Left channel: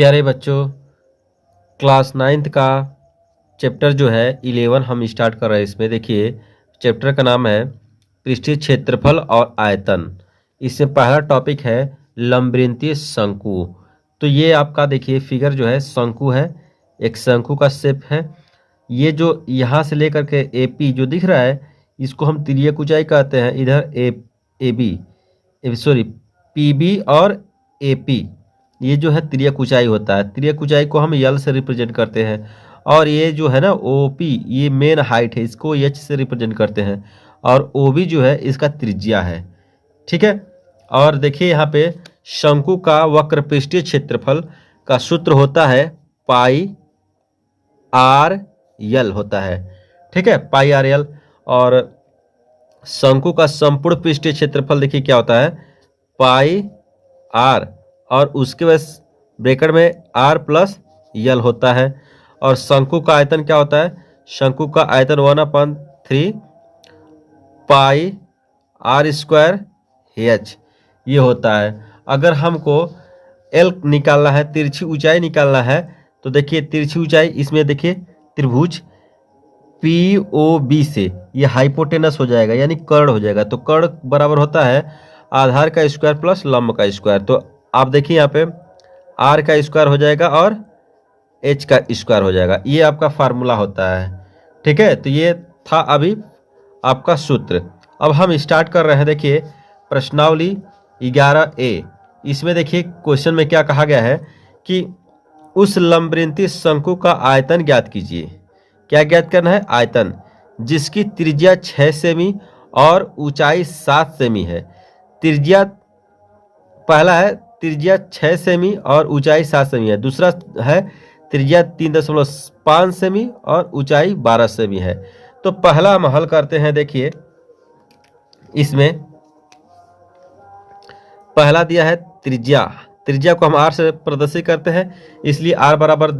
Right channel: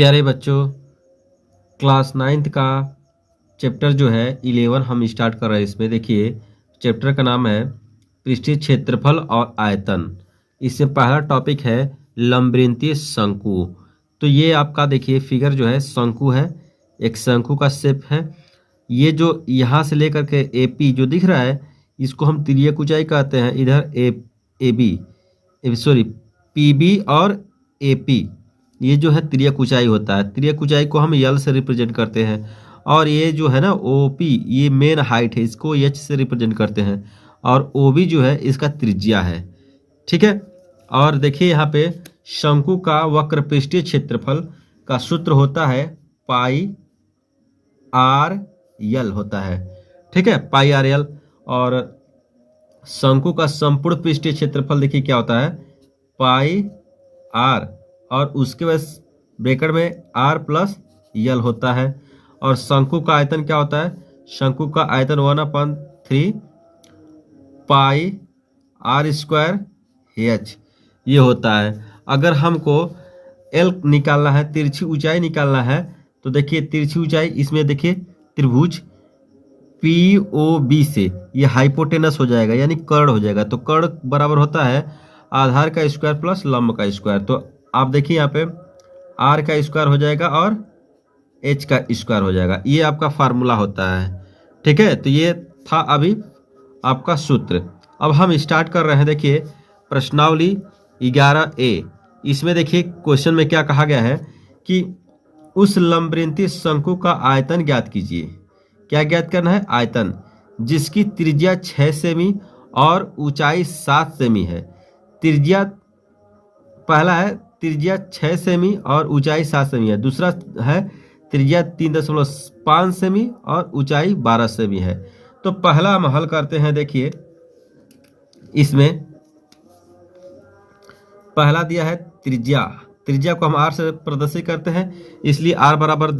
प्यारे बच्चों, class 9th का चैप्टर जो है 11 हम स्टार्ट कर रहे हैं। इसमें देखिए चैप्टर का नाम है पृष्ठीय क्षेत्रफल और आयतन। इसमें पहला टॉपिक है लंबवृत्तीय शंकु। तो ये आपका देखिए फिगर जो है शंकु है, एक शंकु का शेप है। ये जो यहाँ से लेकर के एपी जो दिख रहा है इसको हम तिर्यक ऊंचाई कहते हैं। इधर पीबी और एपी ये जो है तिर्यक ऊंचाई होता है। तिर्यक ऊंचाई को हम यल से रिप्रेजेंट करते हैं और ये जो है ना ओपी ये मेन हाइट है, इसको एच से रिप्रेजेंट करते हैं और ओबी जो है इसका त्रिज्या है। ठीक है। और देखिए यहाँ पे शंकु का वक्र पृष्ठीय क्षेत्रफल का सूत्र होता है पाई आर यल होता है। ठीक है, पाई आर यल। और शंकु का संपूर्ण पृष्ठीय क्षेत्रफल देखिए क्या होता है, पाई आर और उसके बाद ब्रैकेट में आर प्लस यल होता है। और शंकु का आयतन क्या होता है, शंकु का आयतन 1/3 पाई आर स्क्वायर एच ये होता है। अगर हमको एल निकालना है, तिरछी ऊंचाई निकालना है, तो देखिए तिरछी ऊंचाई इसमें देखिए त्रिभुज POB से ये हाइपोटेनस हो जाएगा यानी कर्ण हो जाएगा। तो कर्ण बराबर होता है आधार का स्क्वायर प्लस लंब का स्क्वायर। तो आप देखिए यहाँ पे आर का स्क्वायर हो जाएगा और एच का स्क्वायर हो जाएगा। ये आपका फार्मूला होता है। ठीक है, तो ये था अभी आपका सूत्र। अब हम स्टार्ट कर रहे हैं। देखिए प्रश्नावली 11A। इसमें देखिए क्वेश्चन में क्या कहा गया है कि उस लंबवृत्तीय शंकु का आयतन ज्ञात कीजिए। क्या ज्ञात करना है, आयतन, जिसकी त्रिज्या 6 सेमी और ऊंचाई 7 सेमी है। त्रिज्या पहला है त्रिज्या 6 सेमी और ऊंचाई 7 सेमी है। दूसरा है त्रिज्या 3.5 सेमी और ऊंचाई 12 सेमी है। तो पहला हम हल करते हैं। देखिए इसमें पहला दिया है त्रिज्या, त्रिज्या को हम आर से प्रदर्शित करते हैं, इसलिए आर बराबर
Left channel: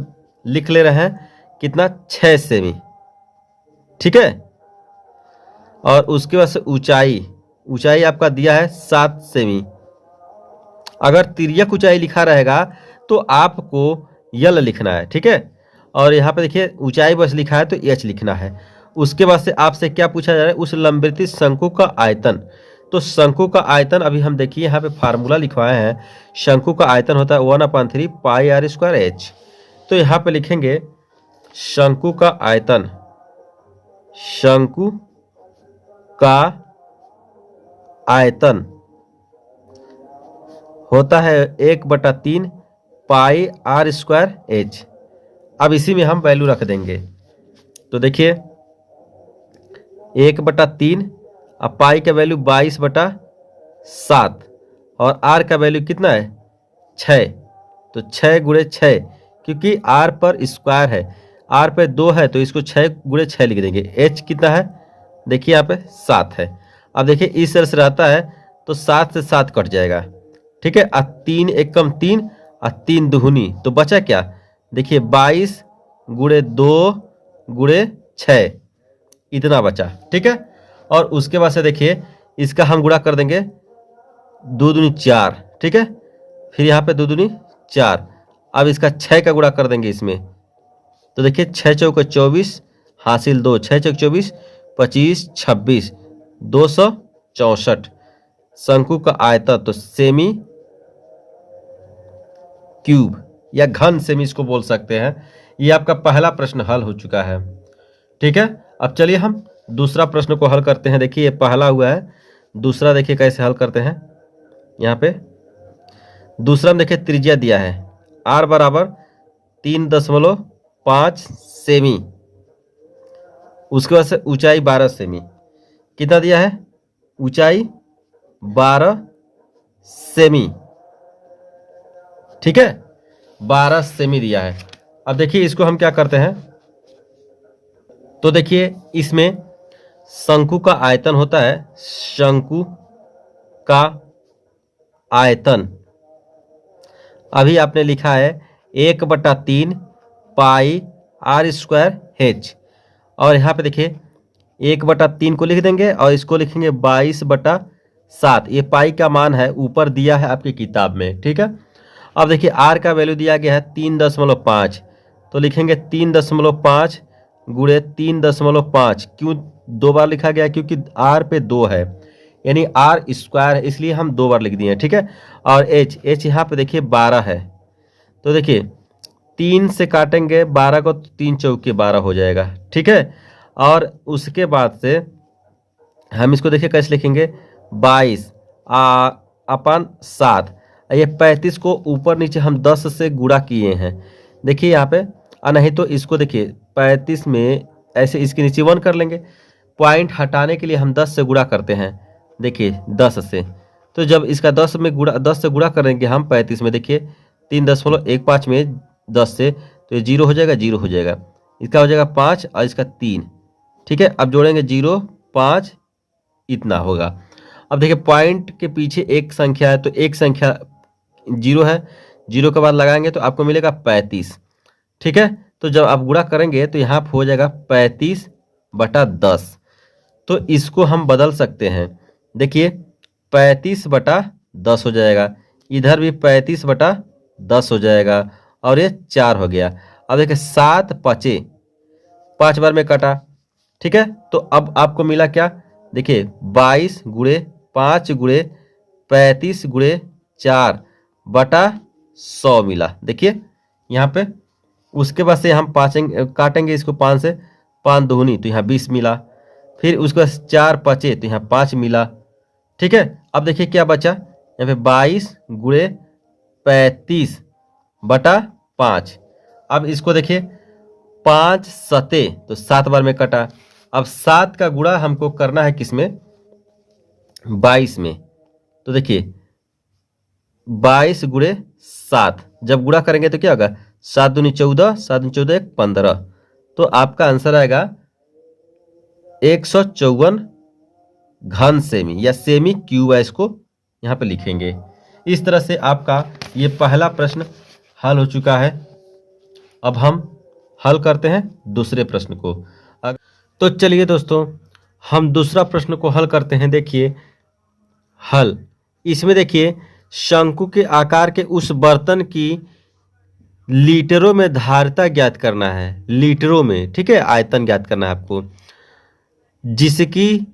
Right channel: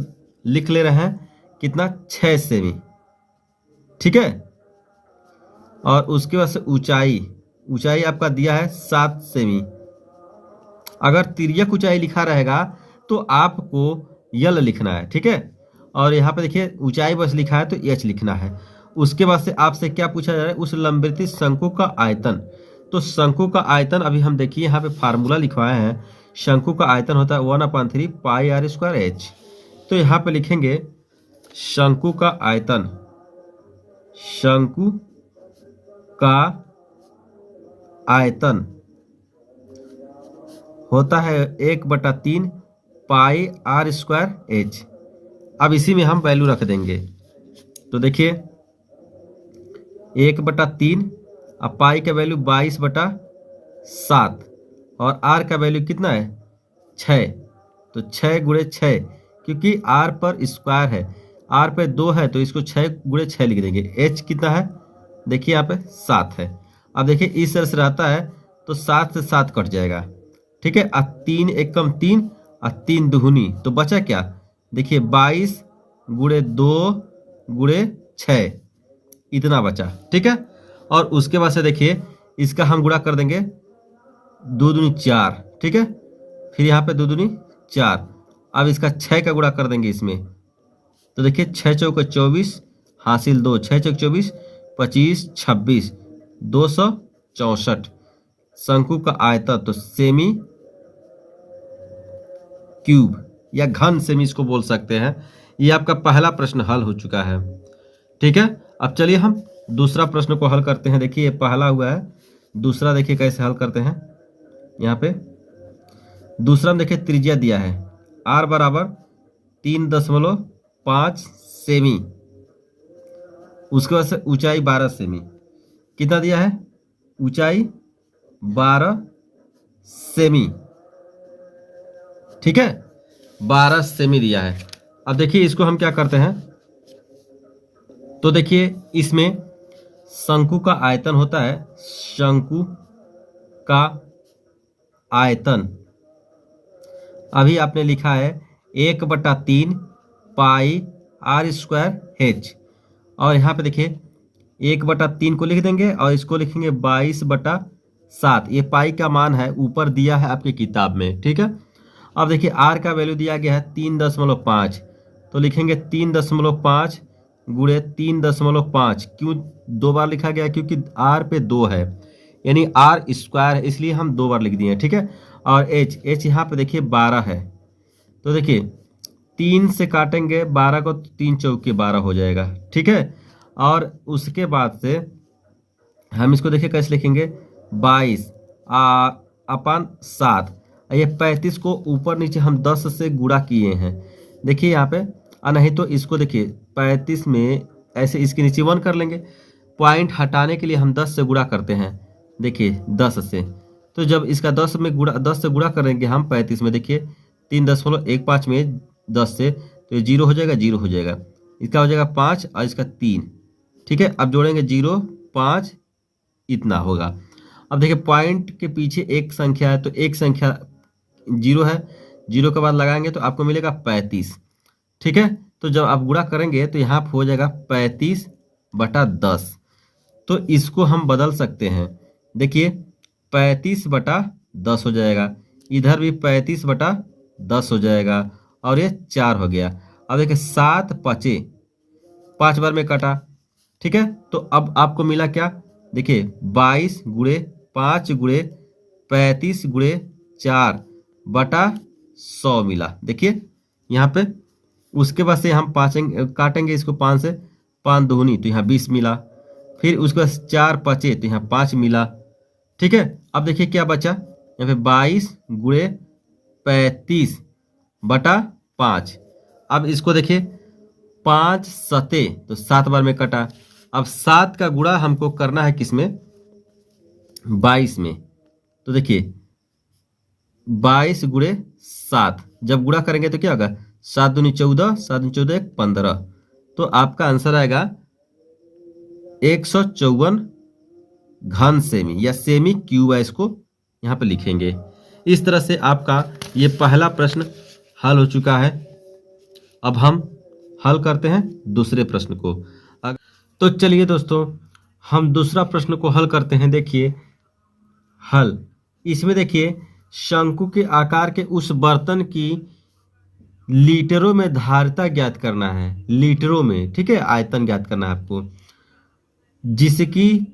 लिख ले रहे हैं कितना, 6 सेमी। ठीक है। और उसके बाद से ऊंचाई, ऊंचाई आपका दिया है 7 सेमी। अगर तिर्यक ऊंचाई लिखा रहेगा तो आपको यल लिखना है। ठीक है। और यहाँ पे देखिए ऊंचाई बस लिखा है तो एच लिखना है। उसके बाद से आपसे क्या पूछा जा रहा है, उस लंबवृत्तीय शंकु का आयतन। तो शंकु का आयतन अभी हम देखिए यहाँ पे फार्मूला लिखवाए हैं। शंकु का आयतन होता है 1/3 पाई आर स्क्वायर एच। तो यहाँ पे लिखेंगे शंकु का आयतन, शंकु का आयतन होता है 1/3 पाई आर स्क्वायर एच। अब इसी में हम वैल्यू रख देंगे। तो देखिए 1/3 अब पाई का वैल्यू 22/7 और आर का वैल्यू कितना है, 6। तो 6 गुणे 6, क्योंकि आर पर स्क्वायर है, आर पे 2 है तो इसको 6 गुणे 6 लिख देंगे। एच कितना है, देखिए यहाँ पे 7 है। अब देखिए इस तरह से रहता है तो 7 से 7 कट जाएगा। ठीक है। 3 एकम 3 और 3 दुगुनी, तो बचा क्या, देखिए 22 गुणे 2 गुणे 6 इतना बचा। ठीक है। और उसके बाद से देखिए इसका हम गुणा कर देंगे 2 दूनी 4। ठीक है। फिर यहाँ पे 2 दूनी 4। अब इसका 6 का गुणा कर देंगे इसमें। तो देखिए 6 चौके 24 हासिल 2, 6 चौके 24 25 26 264 शंकु का आयतन। तो सेमी क्यूब या घन सेमी इसको बोल सकते हैं। ये आपका पहला प्रश्न हल हो चुका है। ठीक है। अब चलिए हम दूसरा प्रश्न को हल करते हैं। देखिए ये पहला हुआ है, दूसरा देखिए कैसे हल करते हैं। यहाँ पे दूसरा में देखिए त्रिज्या दिया है आर बराबर 3.5 सेमी। उसके बाद से ऊंचाई 12 सेमी। कितना दिया है, ऊंचाई 12 सेमी। ठीक है, 12 सेमी दिया है। अब देखिए इसको हम क्या करते हैं। तो देखिए इसमें शंकु का आयतन होता है, शंकु का आयतन अभी आपने लिखा है 1/3 पाई आर स्क्वायर एच। और यहाँ पे देखिए 1/3 को लिख देंगे और इसको लिखेंगे 22/7। ये पाई का मान है, ऊपर दिया है आपकी किताब में। ठीक है। अब देखिए आर का वैल्यू दिया गया है 3.5, तो लिखेंगे 3.5 गुणे 3.5। क्यों 2 बार लिखा गया? क्योंकि आर पे 2 है, यानी आर स्क्वायर है, इसलिए हम 2 बार लिख दिए हैं, ठीक है। और एच यहाँ पे देखिए 12 है, तो देखिए 3 से काटेंगे 12 को, 3 चौके 12 हो जाएगा, ठीक है। और उसके बाद से हम इसको देखिए कैसे लिखेंगे, 22 अपन 7, ये 35 को ऊपर नीचे हम 10 से गुणा किए हैं, देखिए यहाँ पे। नहीं तो इसको देखिए 35 में ऐसे इसके नीचे 1 कर लेंगे, पॉइंट हटाने के लिए हम 10 से गुणा करते हैं, देखिए 10 से। तो जब इसका 10 से गुणा करेंगे हम 35 में, देखिए 3.15 में 10 से, तो ये 0 हो जाएगा, 0 हो जाएगा, इसका हो जाएगा 5 और इसका 3, ठीक है। अब जोड़ेंगे 0 5, इतना होगा। अब देखिए पॉइंट के पीछे एक संख्या है, तो एक संख्या 0 है, 0 के बाद लगाएंगे तो आपको मिलेगा 35, ठीक है। तो जब आप गुणा करेंगे तो यहाँ हो जाएगा 35/10। तो इसको हम बदल सकते हैं, देखिए 35/10 हो जाएगा, इधर भी 35/10 हो जाएगा, और ये 4 हो गया। अब देखिए 7 5 5 बार में कटा, ठीक है। तो अब आपको मिला क्या, देखिए 22 गुणे 5 गुणे 35 गुणे 4/100 मिला, देखिए यहाँ पे। उसके बाद से हम काटेंगे इसको 5 से, 5 दूनी तो यहाँ 20 मिला, फिर उसके बाद 4 5 तो यहाँ 5 मिला, ठीक है। अब देखिए क्या बचा, यहाँ पे 22 गुणे 35/5। अब इसको देखिए 5 7 तो 7 बार में कटा। अब 7 का गुणा हमको करना है किसमें, 22 में, तो देखिए 22 गुणे 7 जब गुणा करेंगे तो क्या होगा, 7 दूनी 14, 7 दूनी 14 15। तो आपका आंसर आएगा 154 घन सेमी, या सेमी क्यूब है, इसको यहाँ पे लिखेंगे। इस तरह से आपका ये पहला प्रश्न हल हो चुका है। अब हम हल करते हैं दूसरे प्रश्न को। तो चलिए दोस्तों, हम दूसरा प्रश्न को हल करते हैं। देखिए हल, इसमें देखिए शंकु के आकार के उस बर्तन की लीटरों में धारिता ज्ञात करना है, लीटरों में, ठीक है, आयतन ज्ञात करना है आपको, जिसकी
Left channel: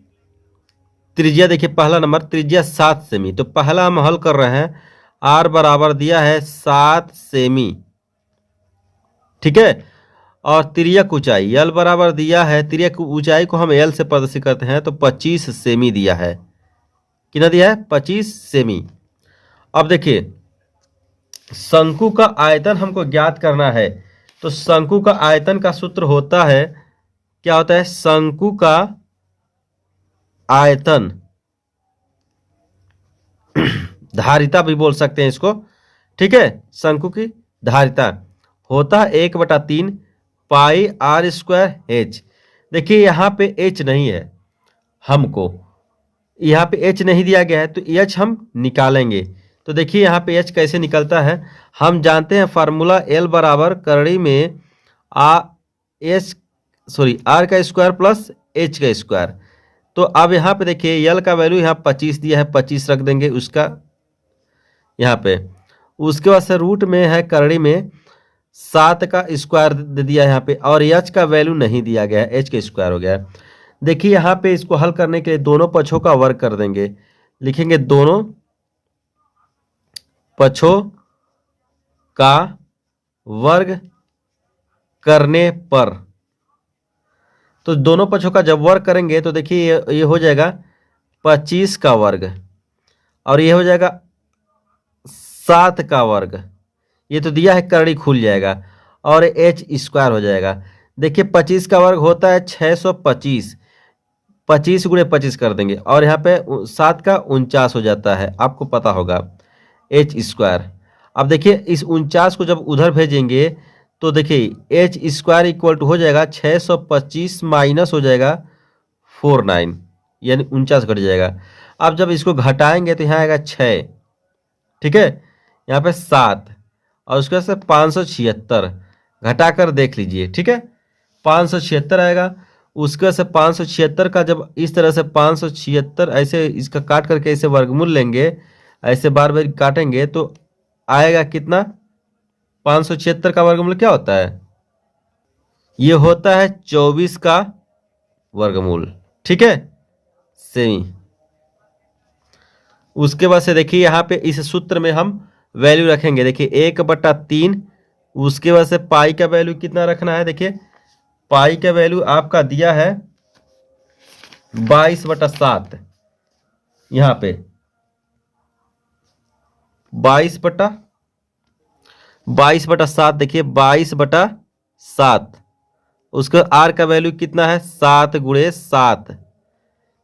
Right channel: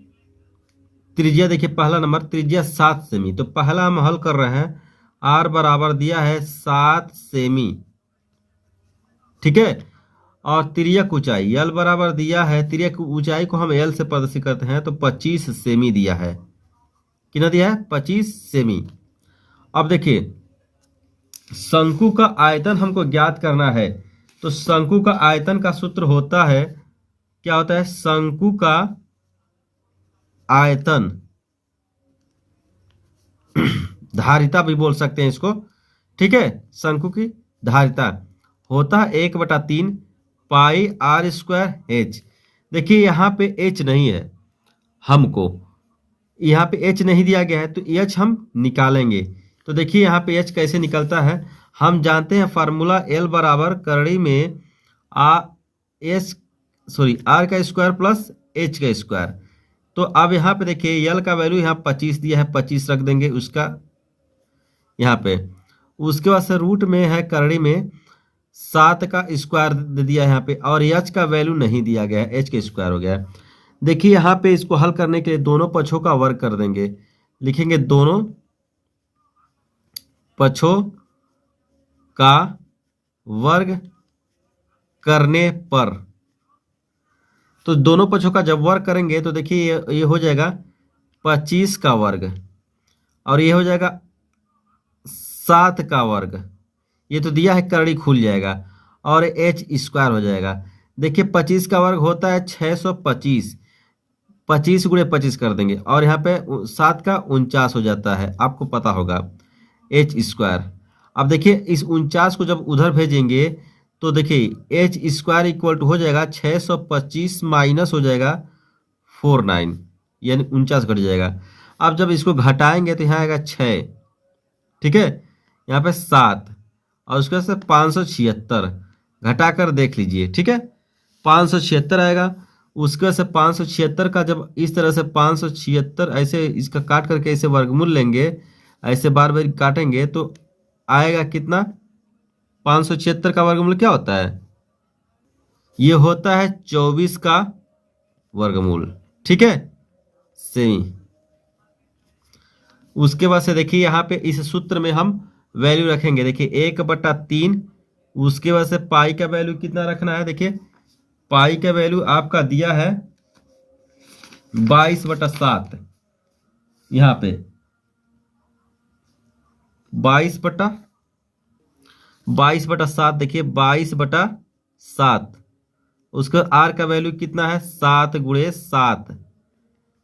त्रिज्या देखिए, पहला नंबर त्रिज्या 7 सेमी। तो पहला हम हल कर रहे हैं, आर बराबर दिया है 7 सेमी, ठीक है। और तिर्यक ऊंचाई यल बराबर दिया है, तिर्यक ऊंचाई को हम एल से प्रदर्शित करते हैं, तो 25 सेमी दिया है, कितना दिया है, 25 सेमी। अब देखिए शंकु का आयतन हमको ज्ञात करना है, तो शंकु का आयतन का सूत्र होता है, क्या होता है, शंकु का आयतन, धारिता भी बोल सकते हैं इसको, ठीक है। शंकु की धारिता होता है 1/3 पाई आर स्क्वायर एच। देखिए यहाँ पे एच नहीं है, हमको यहाँ पे एच नहीं दिया गया है, तो एच हम निकालेंगे। तो देखिए यहाँ पे एच कैसे निकलता है, हम जानते हैं फार्मूला एल बराबर करड़ी में आर का स्क्वायर प्लस एच का स्क्वायर। तो अब यहाँ पे देखिए यल का वैल्यू यहाँ 25 दिया है, 25 रख देंगे उसका यहाँ पे। उसके बाद से रूट में है करड़ी में 7 का स्क्वायर दे दिया है यहाँ पे, और एच का वैल्यू नहीं दिया गया है, एच का स्क्वायर हो गया है। देखिए यहाँ पे इसको हल करने के लिए दोनों पक्षों का वर्ग कर देंगे, लिखेंगे दोनों पक्षों का वर्ग करने पर। तो दोनों पक्षों का जब वर्ग करेंगे तो देखिए ये हो जाएगा 25 का वर्ग, और ये हो जाएगा 7 का वर्ग, ये तो दिया है करड़ी खुल जाएगा, और एच स्क्वायर हो जाएगा। देखिए 25 का वर्ग होता है 625, 25 गुणे 25 कर देंगे, और यहाँ पे 7 का 49 हो जाता है, आपको पता होगा, एच स्क्वायर। अब देखिए इस 49 को जब उधर भेजेंगे तो देखिए एच स्क्वायर इक्वल टू हो जाएगा 625 माइनस हो जाएगा 49, यानी 49 घट जाएगा। अब जब इसको घटाएंगे तो यहाँ आएगा 6, ठीक है, यहाँ पे 7, और उसके बाद से 576 घटा कर देख लीजिए, ठीक है, 576 आएगा। उसके बाद से 576 का जब इस तरह से 576 ऐसे इसका काट करके ऐसे वर्गमूल लेंगे, ऐसे बार बार काटेंगे तो आएगा कितना, 576 का वर्गमूल क्या होता है, ये होता है 24 का वर्गमूल। ठीक है, सेमी। उसके बाद से देखिए यहाँ पे इस सूत्र में हम वैल्यू रखेंगे। देखिए 1/3, उसके बाद से पाई का वैल्यू कितना रखना है। देखिए पाई का वैल्यू आपका दिया है 22/7, यहाँ पे 22/7। देखिए 22/7, उसका आर का वैल्यू कितना है, 7 × 7,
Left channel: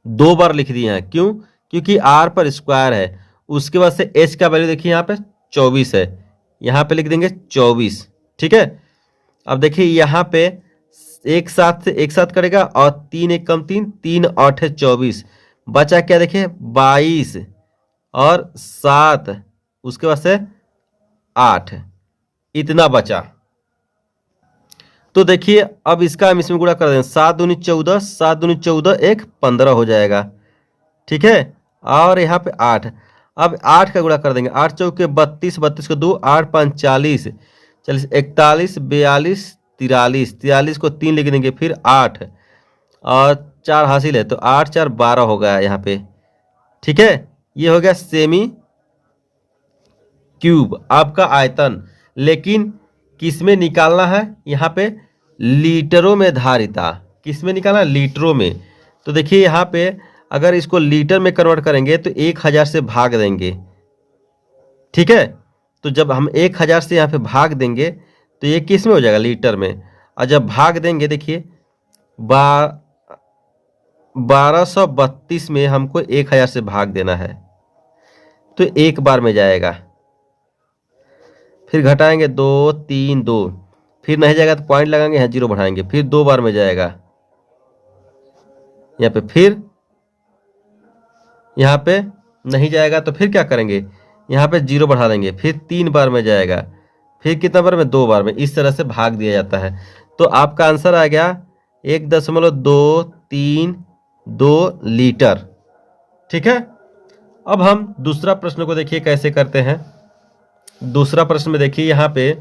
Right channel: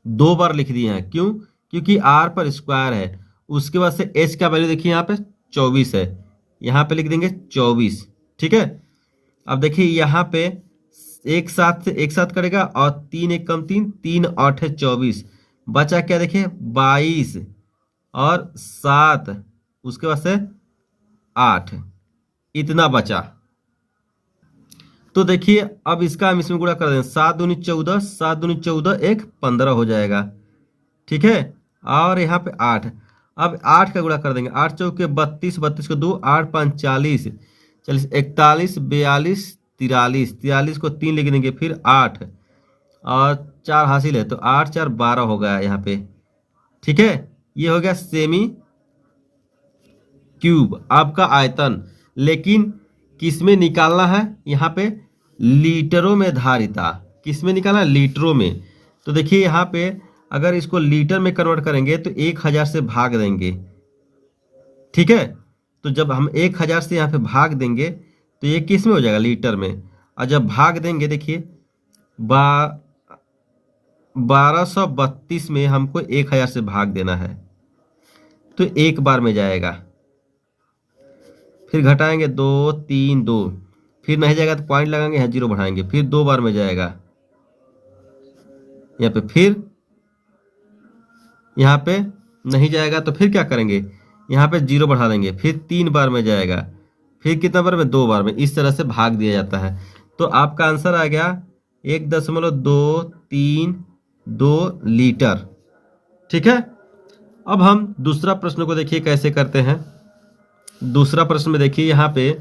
2 बार लिख दिए हैं। क्यों, क्योंकि आर पर स्क्वायर है। उसके बाद से एच का वैल्यू देखिए यहाँ पे 24 है, यहाँ पे लिख देंगे 24। ठीक है, अब देखिए यहाँ पे एक साथ से एक साथ करेगा और 3 × 1 = 3, 3 × 8 = 24, बचा क्या, देखिए 22 और 7, उसके बाद से 8, इतना बचा। तो देखिए अब इसका हम इसमें गुणा कर दें, 7 दूनी 14, 7 दूनी 14, 1 15 हो जाएगा। ठीक है, और यहाँ पे 8, अब 8 का गुणा कर देंगे, 8 चौके 32, 32 को 2, 8 × 5 = 40, 40 41 42 43, 43 को 3 लिख देंगे, फिर 8 और 4 हासिल है तो 8 × 4 = 12 हो गया यहाँ पे। ठीक है, ये हो गया सेमी क्यूब आपका आयतन। लेकिन किस में निकालना है, यहाँ पे लीटरों में धारिता, किस में निकालना, लीटरों में। तो देखिए यहाँ पे अगर इसको लीटर में कन्वर्ट करेंगे तो 1000 से भाग देंगे। ठीक है, तो जब हम 1000 से यहाँ पे भाग देंगे तो ये किस में हो जाएगा, लीटर में। और जब भाग देंगे देखिए 1232 में हमको 1000 से भाग देना है, तो एक बार में जाएगा। फिर घटाएंगे 2 3 2, फिर नहीं जाएगा तो पॉइंट लगाएंगे, यहाँ 0 बढ़ाएंगे, फिर 2 बार में जाएगा यहाँ पे, फिर यहाँ पे नहीं जाएगा तो फिर क्या करेंगे, यहाँ पे 0 बढ़ा देंगे, फिर 3 बार में जाएगा, फिर कितना बार में, 2 बार में। इस तरह से भाग दिया जाता है। तो आपका आंसर आ गया 1.232 लीटर। ठीक है, अब हम दूसरा प्रश्न को देखिए कैसे करते हैं। दूसरा प्रश्न में देखिए यहाँ पे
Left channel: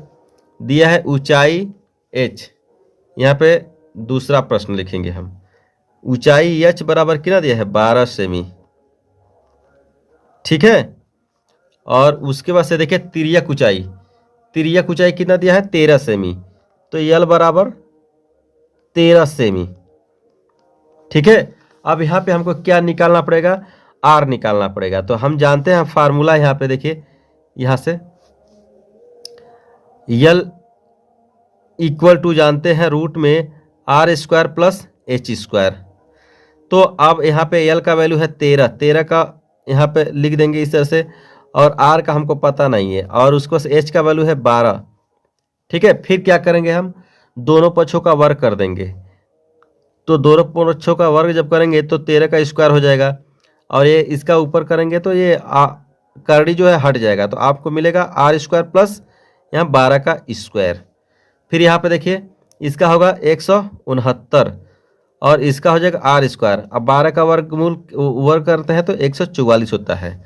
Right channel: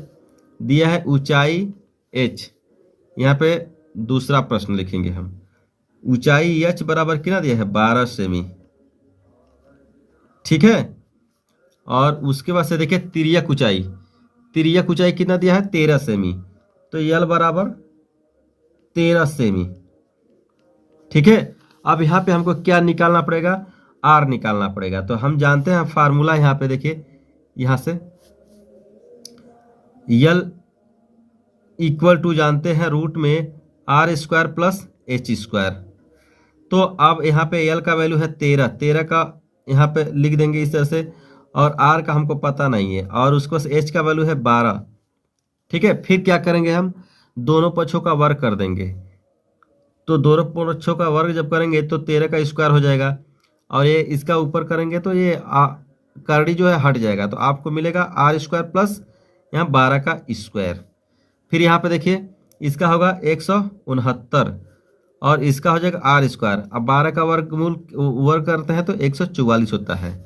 दिया है ऊंचाई h, यहाँ पे दूसरा प्रश्न लिखेंगे हम। ऊंचाई h बराबर कितना दिया है, 12 सेमी। ठीक है, और उसके बाद से देखिए तिर्यक ऊंचाई, तिर्यक ऊंचाई कितना दिया है, 13 सेमी। तो यल बराबर 13 सेमी। ठीक है, अब यहाँ पे हमको क्या निकालना पड़ेगा, आर निकालना पड़ेगा। तो हम जानते हैं फार्मूला, यहाँ पे देखिए यहाँ से यल इक्वल टू जानते हैं रूट में r² + h²। तो अब यहाँ पे यल का वैल्यू है 13, 13 का यहाँ पे लिख देंगे इस तरह से, और r का हमको पता नहीं है, और उसको h का वैल्यू है 12। ठीक है, फिर क्या करेंगे, हम दोनों पक्षों का वर्ग कर देंगे। तो दोनों पक्षों का वर्ग जब करेंगे तो 13 का स्क्वायर हो जाएगा, और ये इसका ऊपर करेंगे तो ये करड़ी जो है हट जाएगा, तो आपको मिलेगा r² प्लस यहाँ 12 का स्क्वायर। फिर यहाँ पे देखिए इसका होगा 169, और इसका हो जाएगा r²। अब 12 का वर्गमूल वर्ग करते हैं तो 144 होता है।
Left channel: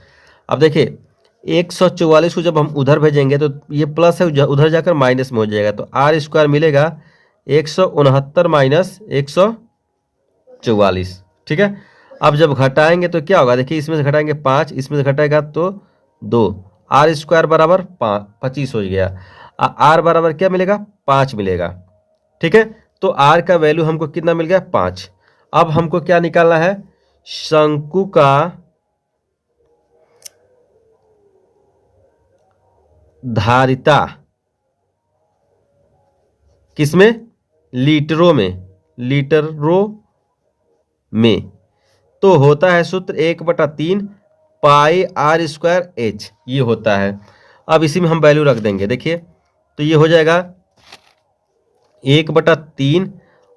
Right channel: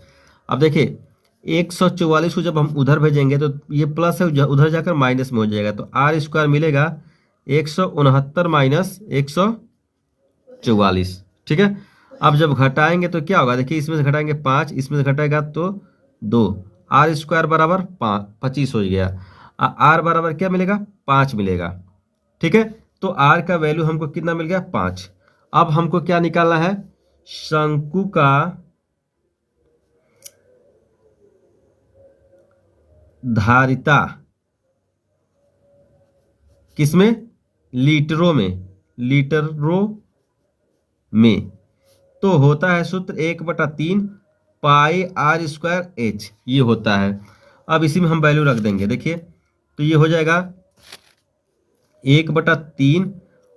अब देखिए 144 को जब हम उधर भेजेंगे तो ये प्लस है, उधर जाकर माइनस में हो जाएगा, तो r² मिलेगा 169 - 144। ठीक है, अब जब घटाएंगे तो क्या होगा, देखिए इसमें से घटाएंगे 5, इसमें से घटाएगा तो 2, r² बराबर 25 हो गया। r बराबर क्या मिलेगा, 5 मिलेगा। ठीक है, तो r का वैल्यू हमको कितना मिल गया, 5। अब हमको क्या निकालना है, शंकु का धारिता किसमें, लीटरों में, लीटरों में। तो होता है सूत्र 1/3 पाई r² h, ये होता है। अब इसी में हम वैल्यू रख देंगे। देखिए तो ये हो जाएगा 1/3,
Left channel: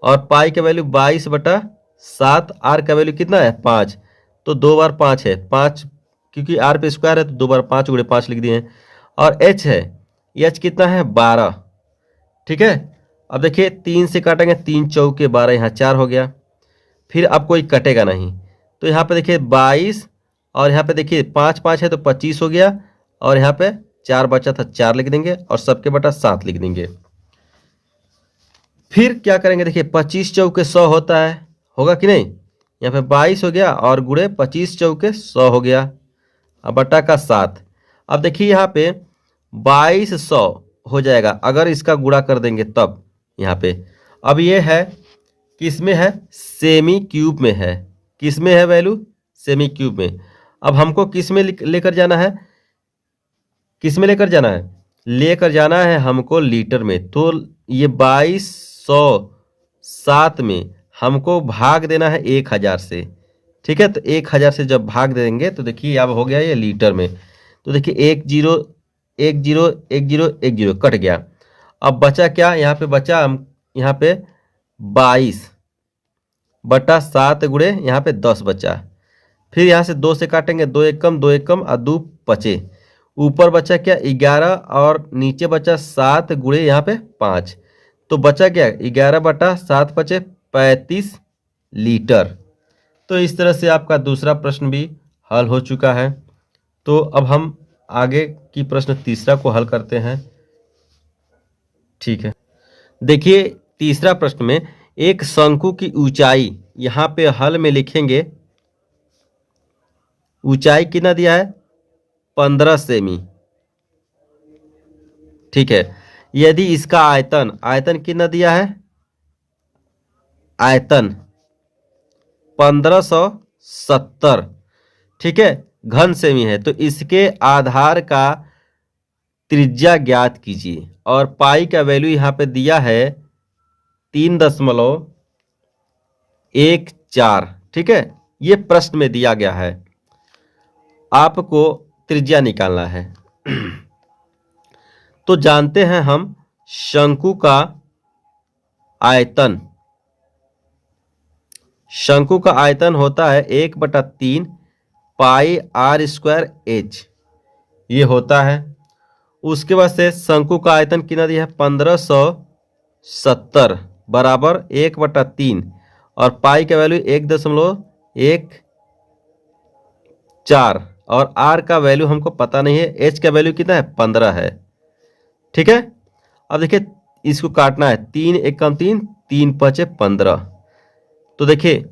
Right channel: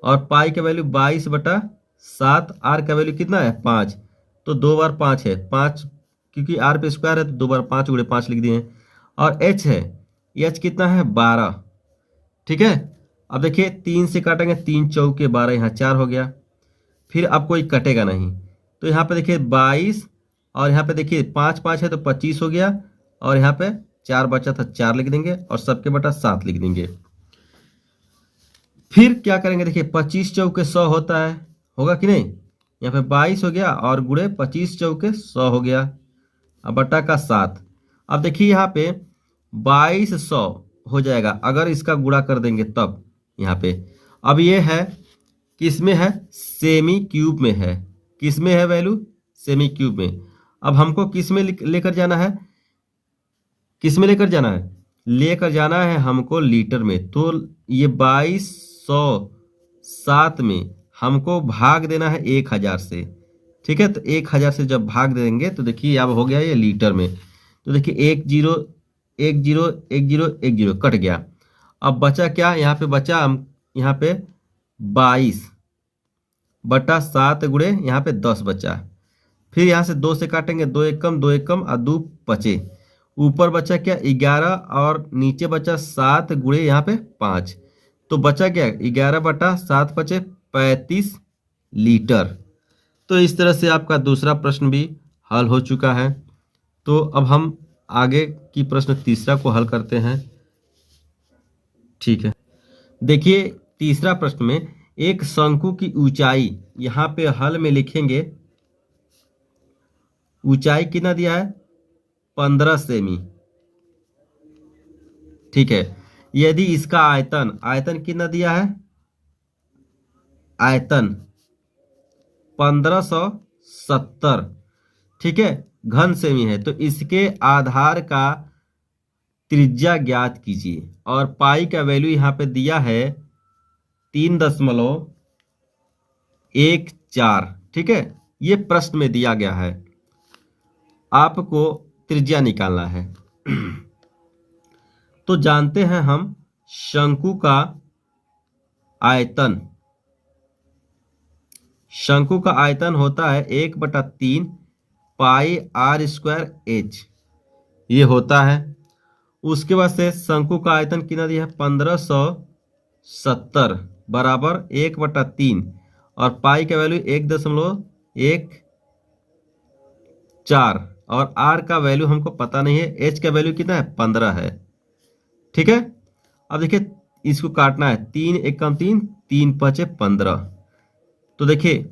और पाई का वैल्यू 22/7, आर का वैल्यू कितना है, 5। तो 2 बार 5 है, 5 क्योंकि आर पे स्क्वायर है तो 2 बार 5 × 5 लिख दिए हैं। और h है, h कितना है, 12। ठीक है, अब देखिए 3 से काटेंगे, 3 चौके 12, यहाँ 4 हो गया। फिर अब कोई कटेगा नहीं, तो यहाँ पे देखिए 22, और यहाँ पे देखिए 5 5 है तो 25 हो गया, और यहाँ पे 4 बचा था 4 लिख देंगे और सबके बटा 7 लिख देंगे। फिर क्या करेंगे, देखिए 25 चौके 100 होता है, होगा कि नहीं। यहाँ पे 22 हो गया और गुणे 25 चौके 100 हो गया, अब बटा का 7। अब देखिए यहाँ पे 2200 हो जाएगा अगर इसका गुणा कर देंगे तब। यहाँ पे अब ये है किसमें है, सेमी क्यूब में है। किसमें है वैल्यू, सेमी क्यूब में। अब हमको किस में लेकर जाना है, किस में लेकर जाना है, लेकर जाना है हमको लीटर में। तो ये 2207 में हमको भाग देना है 1000 से। ठीक है, तो 1000 से जब भाग देंगे तो देखिए अब हो गया ये लीटर में। तो देखिए 10 10 10 10 कट गया। अब बचा क्या, यहाँ पे बचा हम यहाँ पे 22 बटा 7 गुणे यहाँ पे 10 बचा। फिर यहाँ से 2 से काटेंगे, 2 एकम 2 एकम और 2 बचे। ऊपर बचा क्या 11 और नीचे बचा 7 गुणे यहाँ पे 5। तो बचा क्या 11 बटा 7 बचे 35 लीटर। तो इस तरह से आपका दूसरा प्रश्न भी हल हो चुका है। तो अब हम आगे की प्रश्न तीसरा को हल करते हैं। ठीक है, देखिए तीसरा प्रश्न में एक शंकु की ऊंचाई, यहाँ पे हल में लिखेंगे ऊंचाई कितना दिया है 15 सेमी। ठीक है, यदि इसका आयतन, आयतन कितना दिया है, आयतन 1570, ठीक है, घन सेमी है, तो इसके आधार का त्रिज्या ज्ञात कीजिए। और पाई का वैल्यू यहाँ पे दिया है 3.14। ठीक है, ये प्रश्न में दिया गया है, आपको त्रिज्या निकालना है। तो जानते हैं हम शंकु का आयतन, शंकु का आयतन होता है 1/3 पाई आर स्क्वायर एच, ये होता है। उसके बाद से शंकु का आयतन कितना दिया है 1570 बराबर 1/3 और पाई का वैल्यू 1.14 और आर का वैल्यू हमको पता नहीं है, एच का वैल्यू कितना है 15 है। ठीक है, अब देखिए इसको काटना है, 3 एकम 3 3 5 15। तो देखिए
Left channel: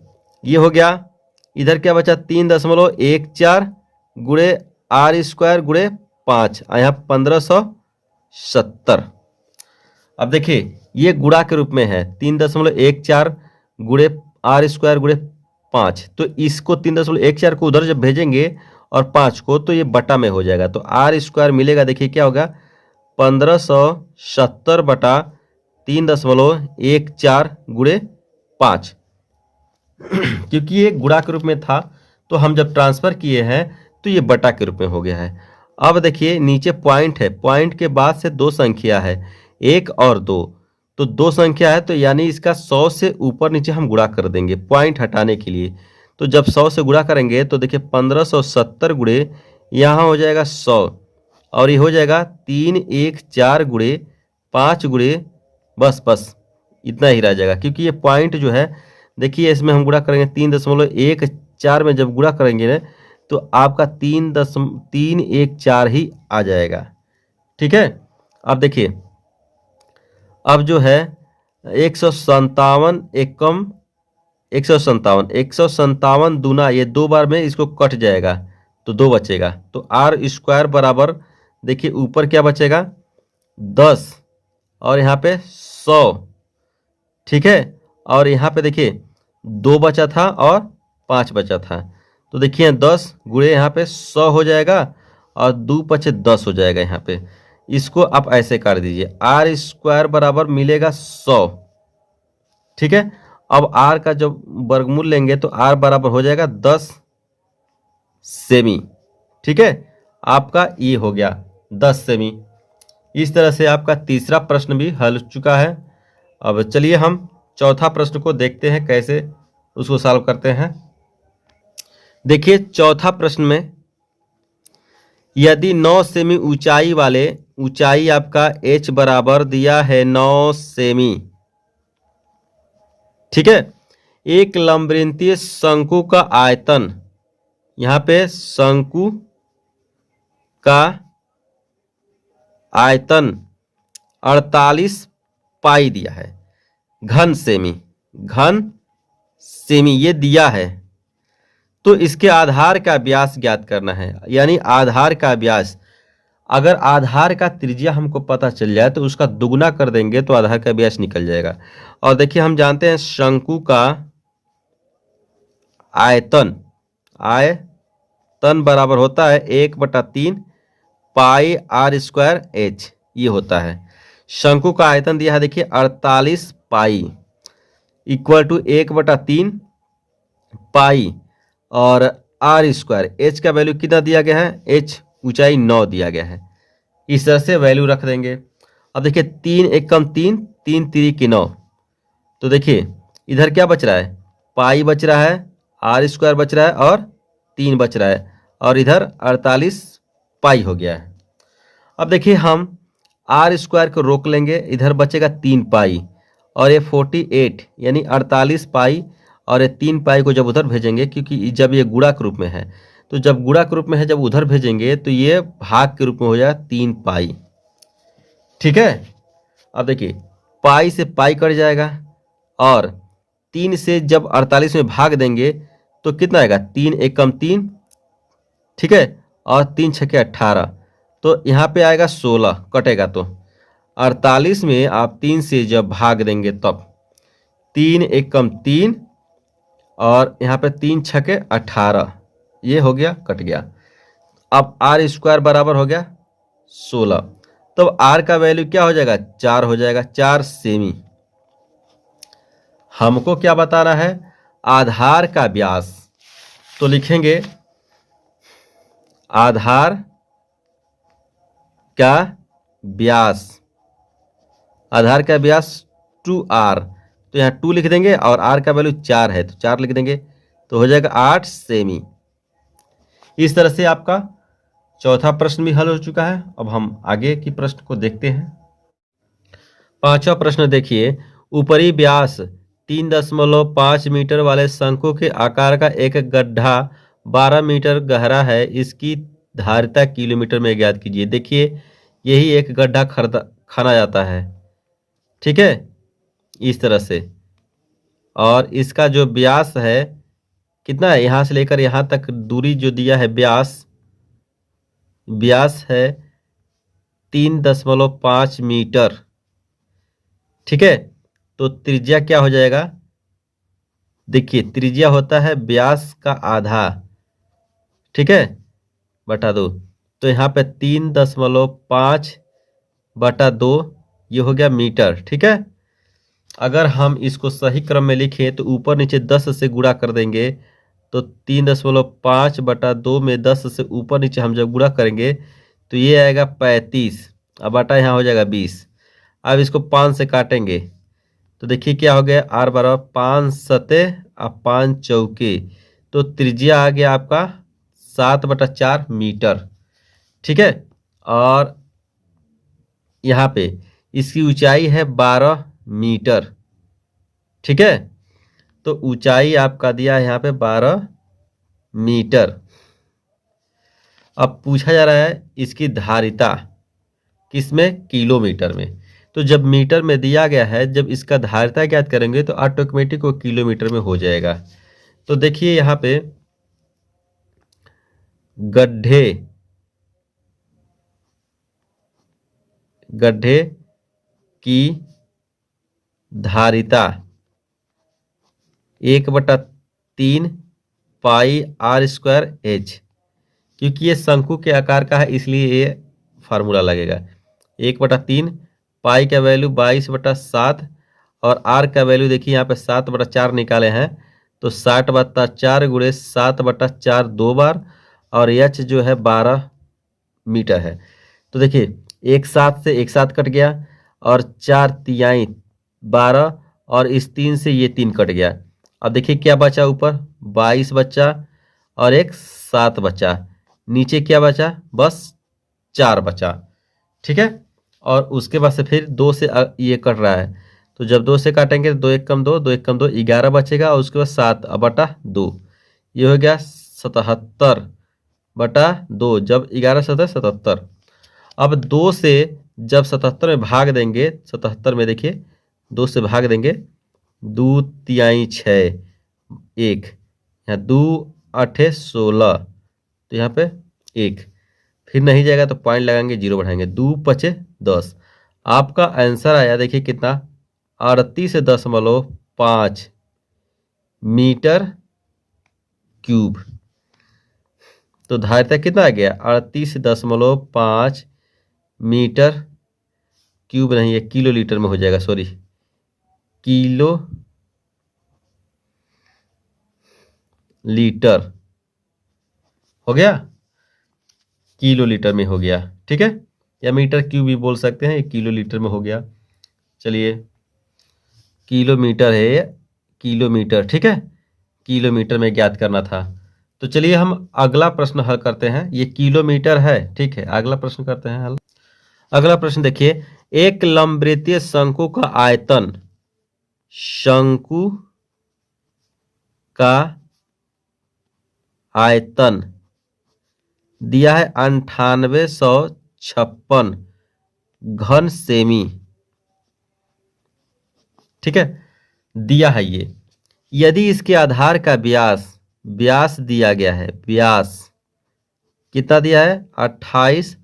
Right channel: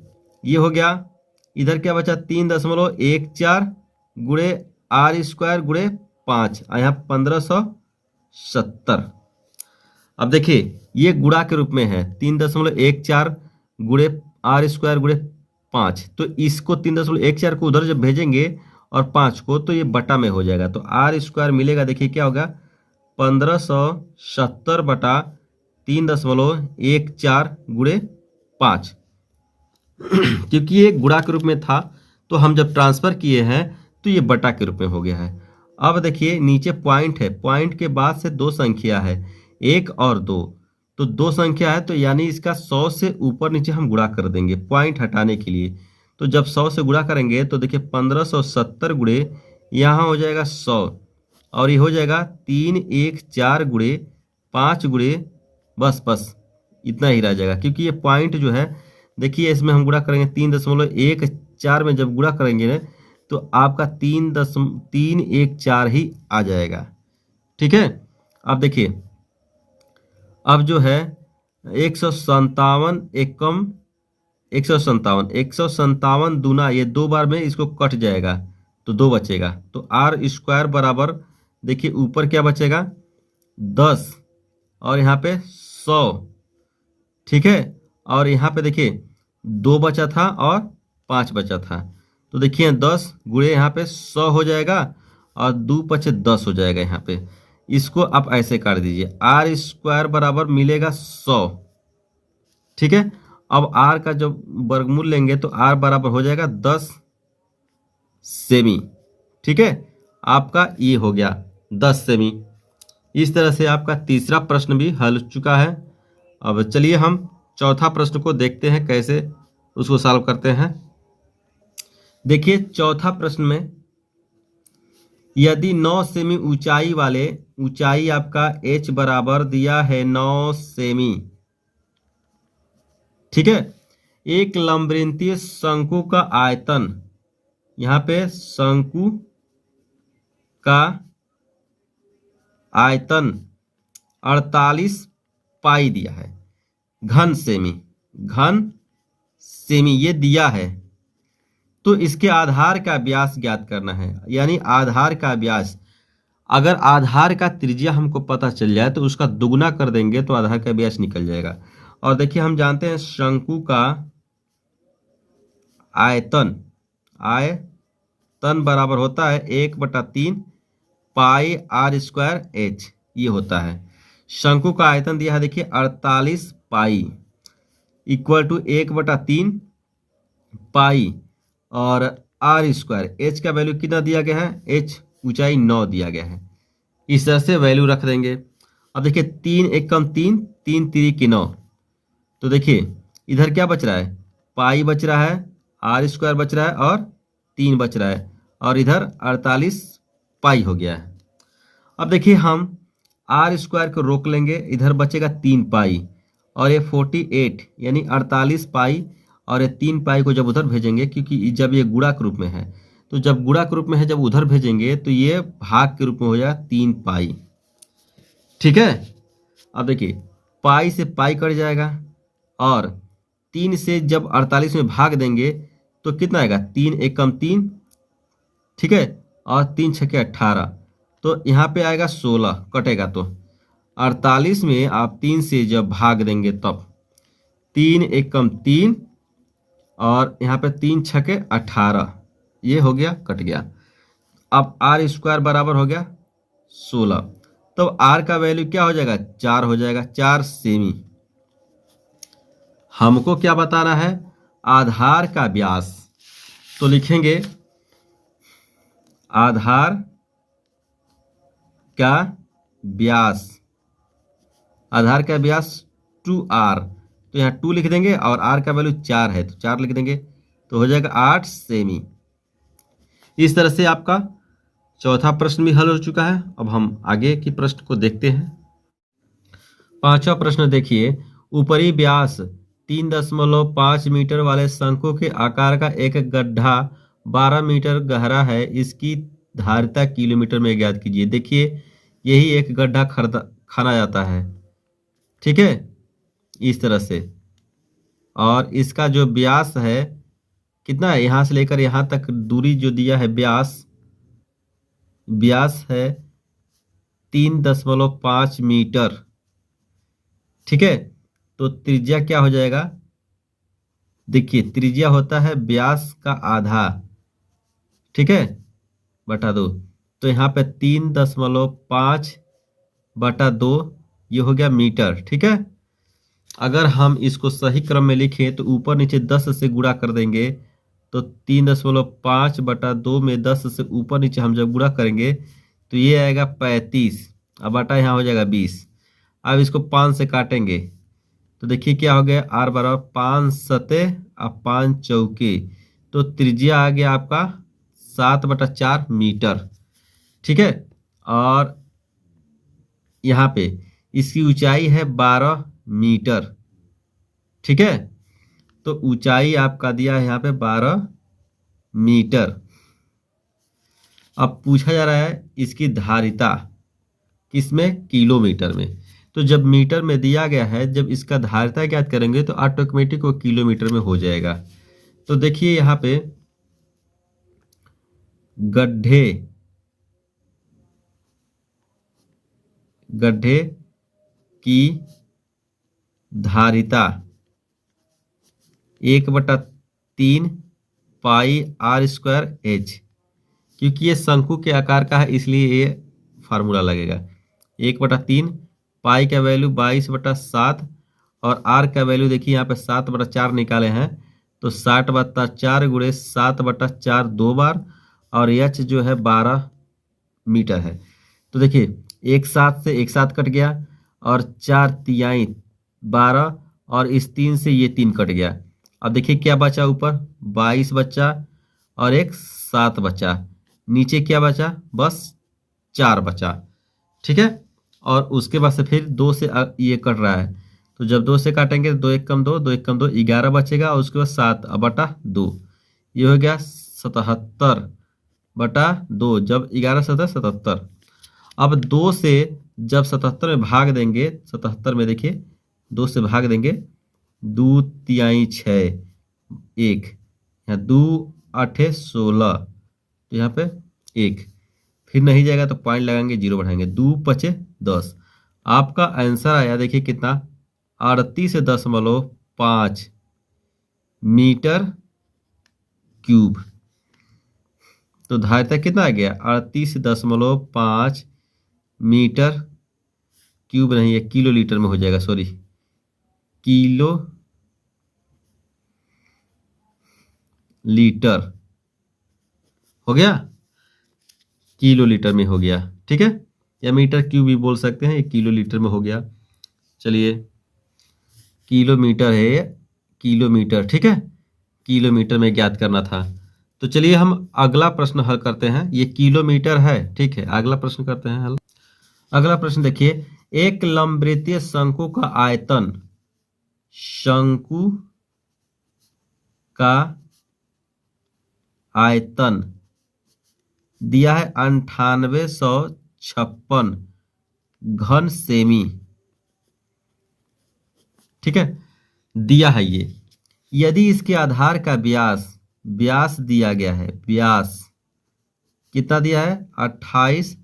ये हो गया, इधर क्या बचा 3.14 गुणे आर स्क्वायर गुणे 5, यहाँ 1570। अब देखिए ये गुणा के रूप में है, 3.14 गुणे आर स्क्वायर गुणे 5, तो इसको 3.14 को उधर जब भेजेंगे और 5 को तो ये बटा में हो जाएगा, तो आर स्क्वायर मिलेगा। देखिए क्या होगा 1570 बटा 3.14 गुणे 5। क्योंकि ये गुणा के रूप में था तो हम जब ट्रांसफर किए हैं तो ये बटा के रूप में हो गया है। अब देखिए नीचे पॉइंट है, पॉइंट के बाद से 2 संख्या है 1 और 2, तो 2 संख्या है तो यानी इसका 100 से ऊपर नीचे हम गुणा कर देंगे पॉइंट हटाने के लिए। तो जब 100 से गुणा करेंगे तो देखिए 1570 गुणे यहाँ हो जाएगा 100 और ये हो जाएगा 314 गुणे 5 गुणे बस इतना ही रह जाएगा। क्योंकि ये पॉइंट जो है देखिए इसमें हम गुणा करेंगे 3.14 में जब गुणा करेंगे ना तो आपका 3.14 ही आ जाएगा। ठीक है, अब देखिए अब जो है 157 एकम 157 दूना, ये 2 बार में इसको कट जाएगा तो 2 बचेगा, तो आर स्क्वायर बराबर देखिए ऊपर क्या बचेगा 10 और यहाँ पे 100। ठीक है, और यहाँ पे देखिए 2 बचा था और 5 बचा था, तो देखिए 10 गुणे यहाँ पे 100 हो जाएगा और 2 पचे 10 हो जाएगा। यहाँ पे इसको आप ऐसे कर दीजिए, आर स्क्वायर बराबर मिलेगा 100। ठीक है, अब आर का जब वर्गमूल लेंगे तो आर बराबर हो जाएगा 10 सेमी। ठीक है, आपका ये हो गया 10 सेमी। इस तरह से आपका तीसरा प्रश्न भी हल हो चुका है। अब चलिए हम चौथा प्रश्न को देखते हैं कैसे उसको सॉल्व करते हैं। देखिए चौथा प्रश्न में यदि 9 सेमी ऊंचाई वाले, ऊंचाई आपका h बराबर दिया है 9 सेमी, ठीक है, एक लंबवृत्तीय शंकु का आयतन, यहाँ पे शंकु का आयतन 48 पाई दिया है, घन सेमी ये दिया है, तो इसके आधार का व्यास ज्ञात करना है। यानी आधार का व्यास, अगर आधार का त्रिज्या हमको पता चल जाए तो उसका दुगना कर देंगे तो आधार का व्यास निकल जाएगा। और देखिए हम जानते हैं शंकु का आयतन बराबर होता है 1/3 पाई आर स्क्वायर एच, ये होता है। शंकु का आयतन दिया है देखिए 48 पाई इक्वल टू 1/3 पाई और आर स्क्वायर, एच का वैल्यू कितना दिया गया है, एच ऊंचाई 9 दिया गया है। इस तरह से वैल्यू रख देंगे। अब देखिए 3 एकम 3, 3 3 9, तो देखिए इधर क्या बच रहा है, पाई बच रहा है, आर स्क्वायर बच रहा है और 3 बच रहा है, और इधर 48 पाई हो गया है। अब देखिए हम आर स्क्वायर को रोक लेंगे, इधर बचेगा 3 पाई और ये 48 यानी 48 पाई, और ये 3 पाई को जब उधर भेजेंगे, क्योंकि जब ये गुणा के रूप में है, तो जब गुणा के रूप में है जब उधर भेजेंगे तो ये भाग के रूप में हो जाएगा 3 पाई। ठीक है। अब देखिए पाई से पाई कट जाएगा और 3 से जब 48 में भाग देंगे तो कितना आएगा, 3 एकम 3, ठीक है, और 3 छक्के 18, तो यहाँ पे आएगा 16 कटेगा, तो 48 में आप 3 से जब भाग देंगे तब 3 एकम 3 और यहाँ पे 3 छक्के 18, ये हो गया, कट गया। अब आर स्क्वायर बराबर हो गया 16, तब आर का वैल्यू क्या हो जाएगा, 4 हो जाएगा, 4 सेमी। हमको क्या बताना है, आधार का व्यास, तो लिखेंगे आधार का व्यास, आधार का व्यास 2r, तो यहाँ 2 लिख देंगे और r का वैल्यू 4 है तो 4 लिख देंगे, तो हो जाएगा 8 सेमी। इस तरह से आपका चौथा प्रश्न भी हल हो चुका है। अब हम आगे की प्रश्न को देखते हैं। पांचवा प्रश्न देखिए, ऊपरी व्यास 3.5 मीटर वाले शंकु के आकार का एक गड्ढा 12 मीटर गहरा है, इसकी धारिता किलोमीटर में ज्ञात कीजिए। देखिए यही एक गड्ढा खाना जाता है, ठीक है, इस तरह से, और इसका जो व्यास है कितना है, यहाँ से लेकर यहाँ तक दूरी जो दिया है व्यास है 3.5 मीटर, ठीक है। तो त्रिज्या क्या हो जाएगा, देखिए त्रिज्या होता है व्यास का आधा, ठीक है, बटा 2, तो यहाँ पे 3.5/2 ये हो गया मीटर, ठीक है। अगर हम इसको सही क्रम में लिखें तो ऊपर नीचे 10 से गुणा कर देंगे, तो 3.5/2 में 10 से ऊपर नीचे हम जब गुणा करेंगे तो ये आएगा 35, अब बटा यहाँ हो जाएगा 20। अब इसको 5 से काटेंगे तो देखिए क्या हो गया, r बराबर 5 सते और 5 चौके, तो त्रिज्या आ गया आपका 7/4 मीटर, ठीक है। और यहाँ पे इसकी ऊंचाई है 12 मीटर, ठीक है, तो ऊंचाई आपका दिया है यहाँ पे 12 मीटर। अब पूछा जा रहा है इसकी धारिता किसमें, किलोमीटर में, तो जब मीटर में दिया गया है, जब इसका धारिता ज्ञात करेंगे तो ऑटोमेटिक वो किलोमीटर में हो जाएगा। तो देखिए यहाँ पे गड्ढे की धारिता 1/3 पाई आर स्क्वायर एच, क्योंकि ये शंकु के आकार का है इसलिए ये फार्मूला लगेगा। 1/3 पाई का वैल्यू 22/7 और आर का वैल्यू देखिए यहाँ पे 7/4 निकाले हैं, तो 60/4 गुणे 7/4 2 बार, और एच जो है 12 मीटर है। तो देखिए एक साथ से एक साथ कट गया, और 4 तिहाई 12, और इस 3 से ये 3 कट गया। अब देखिए क्या बचा, ऊपर 22 बचा और एक 7 बचा, नीचे क्या बचा, बस 4 बचा, ठीक है। और उसके बाद से फिर 2 से ये कट रहा है, तो जब 2 से काटेंगे तो 2 एक कम 2, 2 एक कम 2, 11 बचेगा, और उसके बाद 7/2, ये हो गया 77/2, जब 11 7 77। अब 2 से जब 77 में भाग देंगे, 77 में देखिए 2 से भाग देंगे, 2 तिहाई 6, 1, यहाँ 2 8 16, तो यहाँ पे 1, फिर नहीं जाएगा तो पॉइंट लगाएंगे, 0 बढ़ाएंगे, 2 5 10। आपका आंसर आया देखिए कितना, 38.5 मीटर क्यूब। तो धारिता कितना आ गया, 38.5 मीटर क्यूब, नहीं है किलो लीटर में हो जाएगा, सॉरी, किलो लीटर हो गया, किलो लीटर में हो गया, ठीक है, या मीटर क्यूब भी बोल सकते हैं, ये किलो लीटर में हो गया। चलिए, किलोमीटर है ये, किलोमीटर, ठीक है, किलोमीटर में ज्ञात करना था। तो चलिए हम अगला प्रश्न हल करते हैं, ये किलोमीटर है, ठीक है, अगला प्रश्न करते हैं हल। अगला प्रश्न देखिए, एक लंबवृत्तीय शंकु का आयतन, शंकु का आयतन दिया है 9856 घन सेमी, ठीक है, दिया है ये। यदि इसके आधार का व्यास, व्यास दिया गया है, व्यास कितना दिया है, 28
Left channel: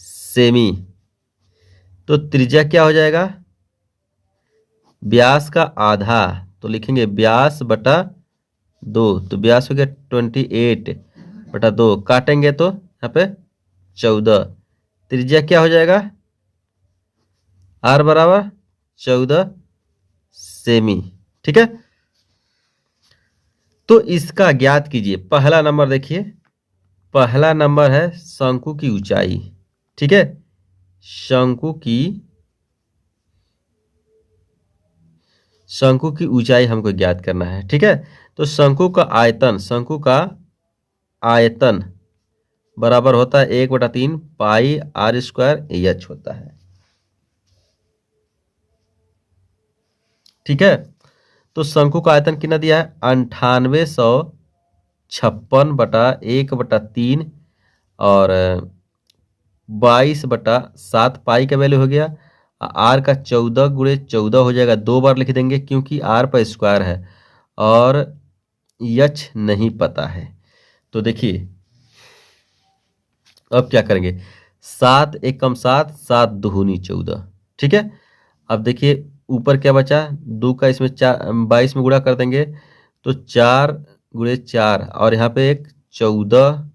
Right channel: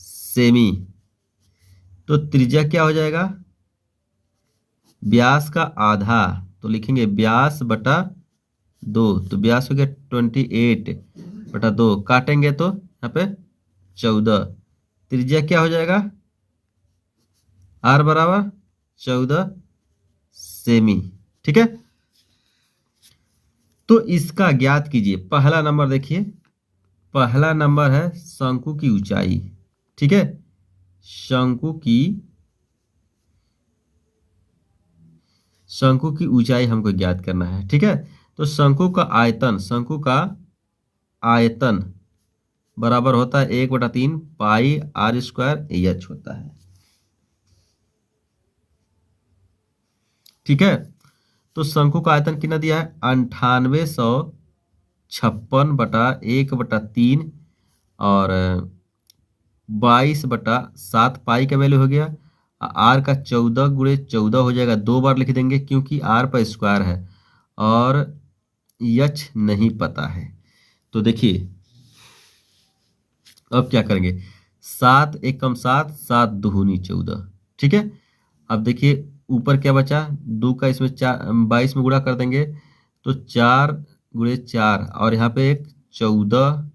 सेमी, तो त्रिज्या क्या हो जाएगा, व्यास का आधा, तो लिखेंगे व्यास बटा 2, तो व्यास हो गया 28 बटा 2, काटेंगे तो यहाँ पे 14, त्रिज्या क्या हो जाएगा, आर बराबर 14 सेमी, ठीक है। तो इसका ज्ञात कीजिए। पहला नंबर देखिए, पहला नंबर है शंकु की ऊंचाई, ठीक है, शंकु की ऊंचाई हमको ज्ञात करना है, ठीक है। तो शंकु का आयतन, शंकु का आयतन बराबर होता है 1/3 पाई आर स्क्वायर एच होता है, ठीक है। तो शंकु का आयतन कितना दिया है, 9856/1/3 और 22/7 पाई का वैल्यू हो गया। आर का 14 गुणे 14 हो जाएगा, 2 बार लिख देंगे क्योंकि आर पर स्क्वायर है और एच नहीं पता है। तो देखिए अब क्या करेंगे, 7 1 कम 7, 7 दूनी 14, ठीक है। अब देखिए ऊपर क्या बचा, 2 का इसमें 22 में गुणा कर देंगे तो 4 गुणे 4 और यहाँ पे एक 14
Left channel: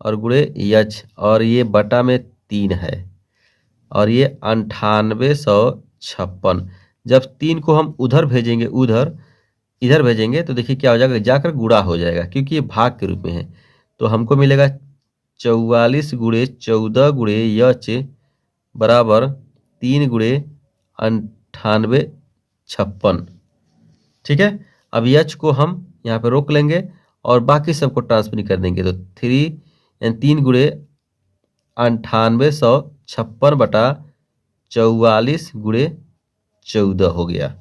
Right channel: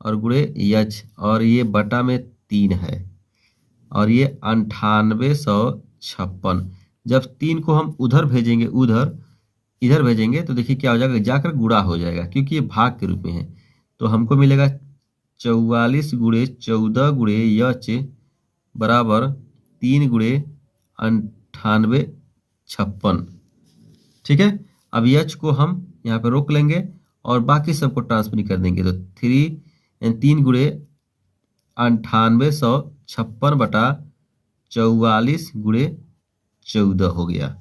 और गुणे एच और ये बटा में 3 है और ये 9856। जब 3 को हम उधर भेजेंगे, इधर भेजेंगे तो देखिए क्या हो जाएगा, जाकर गुणा हो जाएगा क्योंकि ये भाग के रूप में है। तो हमको मिलेगा 44 गुणे 14 गुणे एच बराबर 3 गुणे 9856, ठीक है। अब एच को हम यहाँ पे रोक लेंगे और बाकी सबको ट्रांसफर कर देंगे, तो 3 गुणे 9856/44 गुणे 14 हो गया,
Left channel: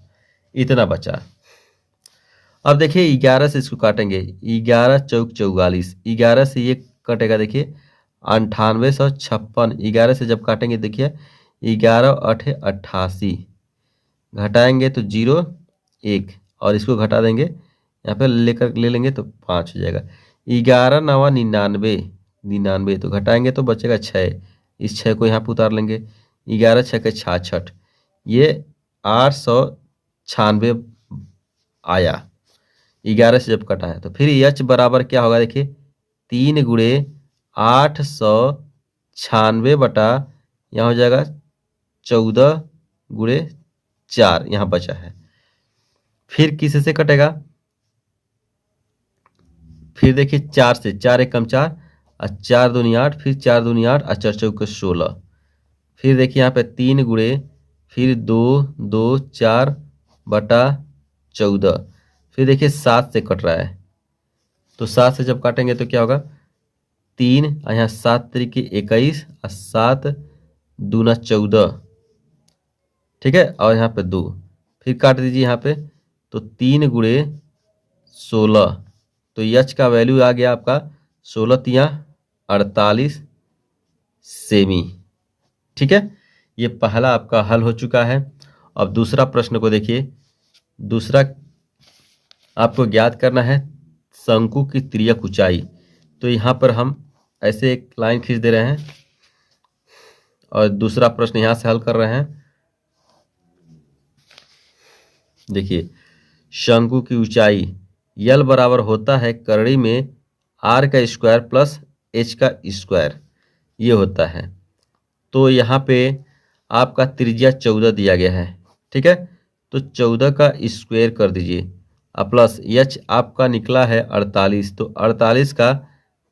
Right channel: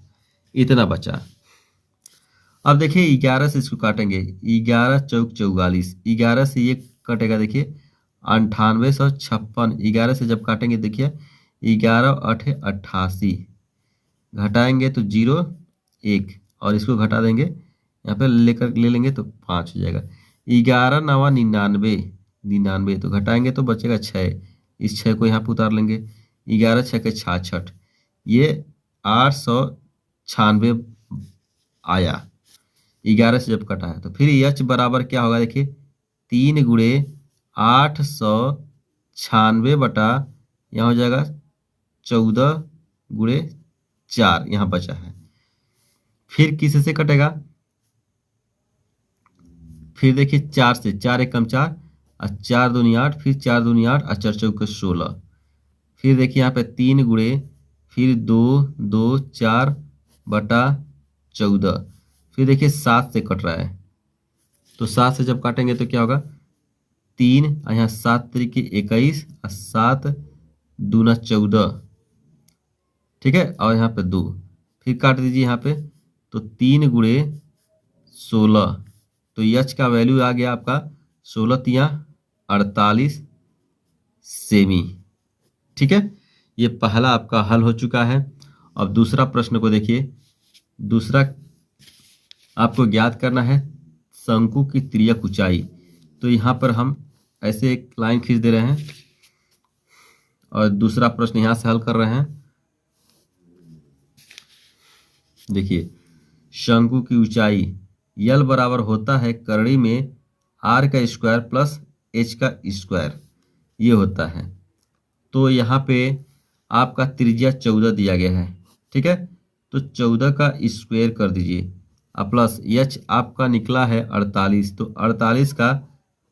इतना बचा। अब देखिए 11 से इसको काटेंगे, 11 चौक 44, 11 से ये कटेगा, देखिए 9856, 11 से जब काटेंगे देखिए 11 8 88, घटाएंगे तो 0 1 और इसको घटा देंगे, यहाँ पे ले लेंगे तो 5 हो जाएगा। 11 9 99, तो घटाएंगे तो बचेगा 6, इस 6 को यहाँ पे उतार लेंगे, 11 6 के 66, ये 896 आया 11 से जब कटा है। तो फिर एच बराबर क्या होगा, देखिए 3 गुणे 896 बटा यहाँ हो जाएगा 14 गुणे 4, यहाँ बचा है। फिर किस से कटेगा, फिर देखिए 4 से, 4 1 कम 4 और 4 दूनी 8, फिर 4 दूनी 8 और 4 चौक 16, फिर देखिए यहाँ पे 3 गुणे फिर 2 2 4 बटा 14, फिर देखिए 7 से कट रहा है, तो 7 से जब काटेंगे तो क्या होगा, 3 और यहाँ 7 तरीके 21 और 7 दूना 14, ठीक है, और यहाँ पे 2, फिर काट दीजिए यहाँ पे, तो 3 गुणे 16, तो एच का वैल्यू आ गया आपका 16 तिया 48 सेमी, ठीक है, ये पहला आपका हल हो चुका है। अब दूसरा प्रश्न को देखिए। दूसरा आपको ज्ञात करना है शंकु की तिर्यक ऊंचाई। तो यहाँ पर हम ऐसे एक लाइन खींच दे रहे हैं और दूसरा प्रश्न यहाँ से हल कर रहे हैं। देखिए, शंकु की ऊंचाई यल बराबर होता है करड़ी में आर का स्क्वायर प्लस एच का स्क्वायर, ये होता है। तो यहाँ पे आपका त्रिज्या 14 दिया गया है, ठीक है, तो 14 का स्क्वायर कर दीजिए और प्लस एच आपका निकला है 48, तो 48 का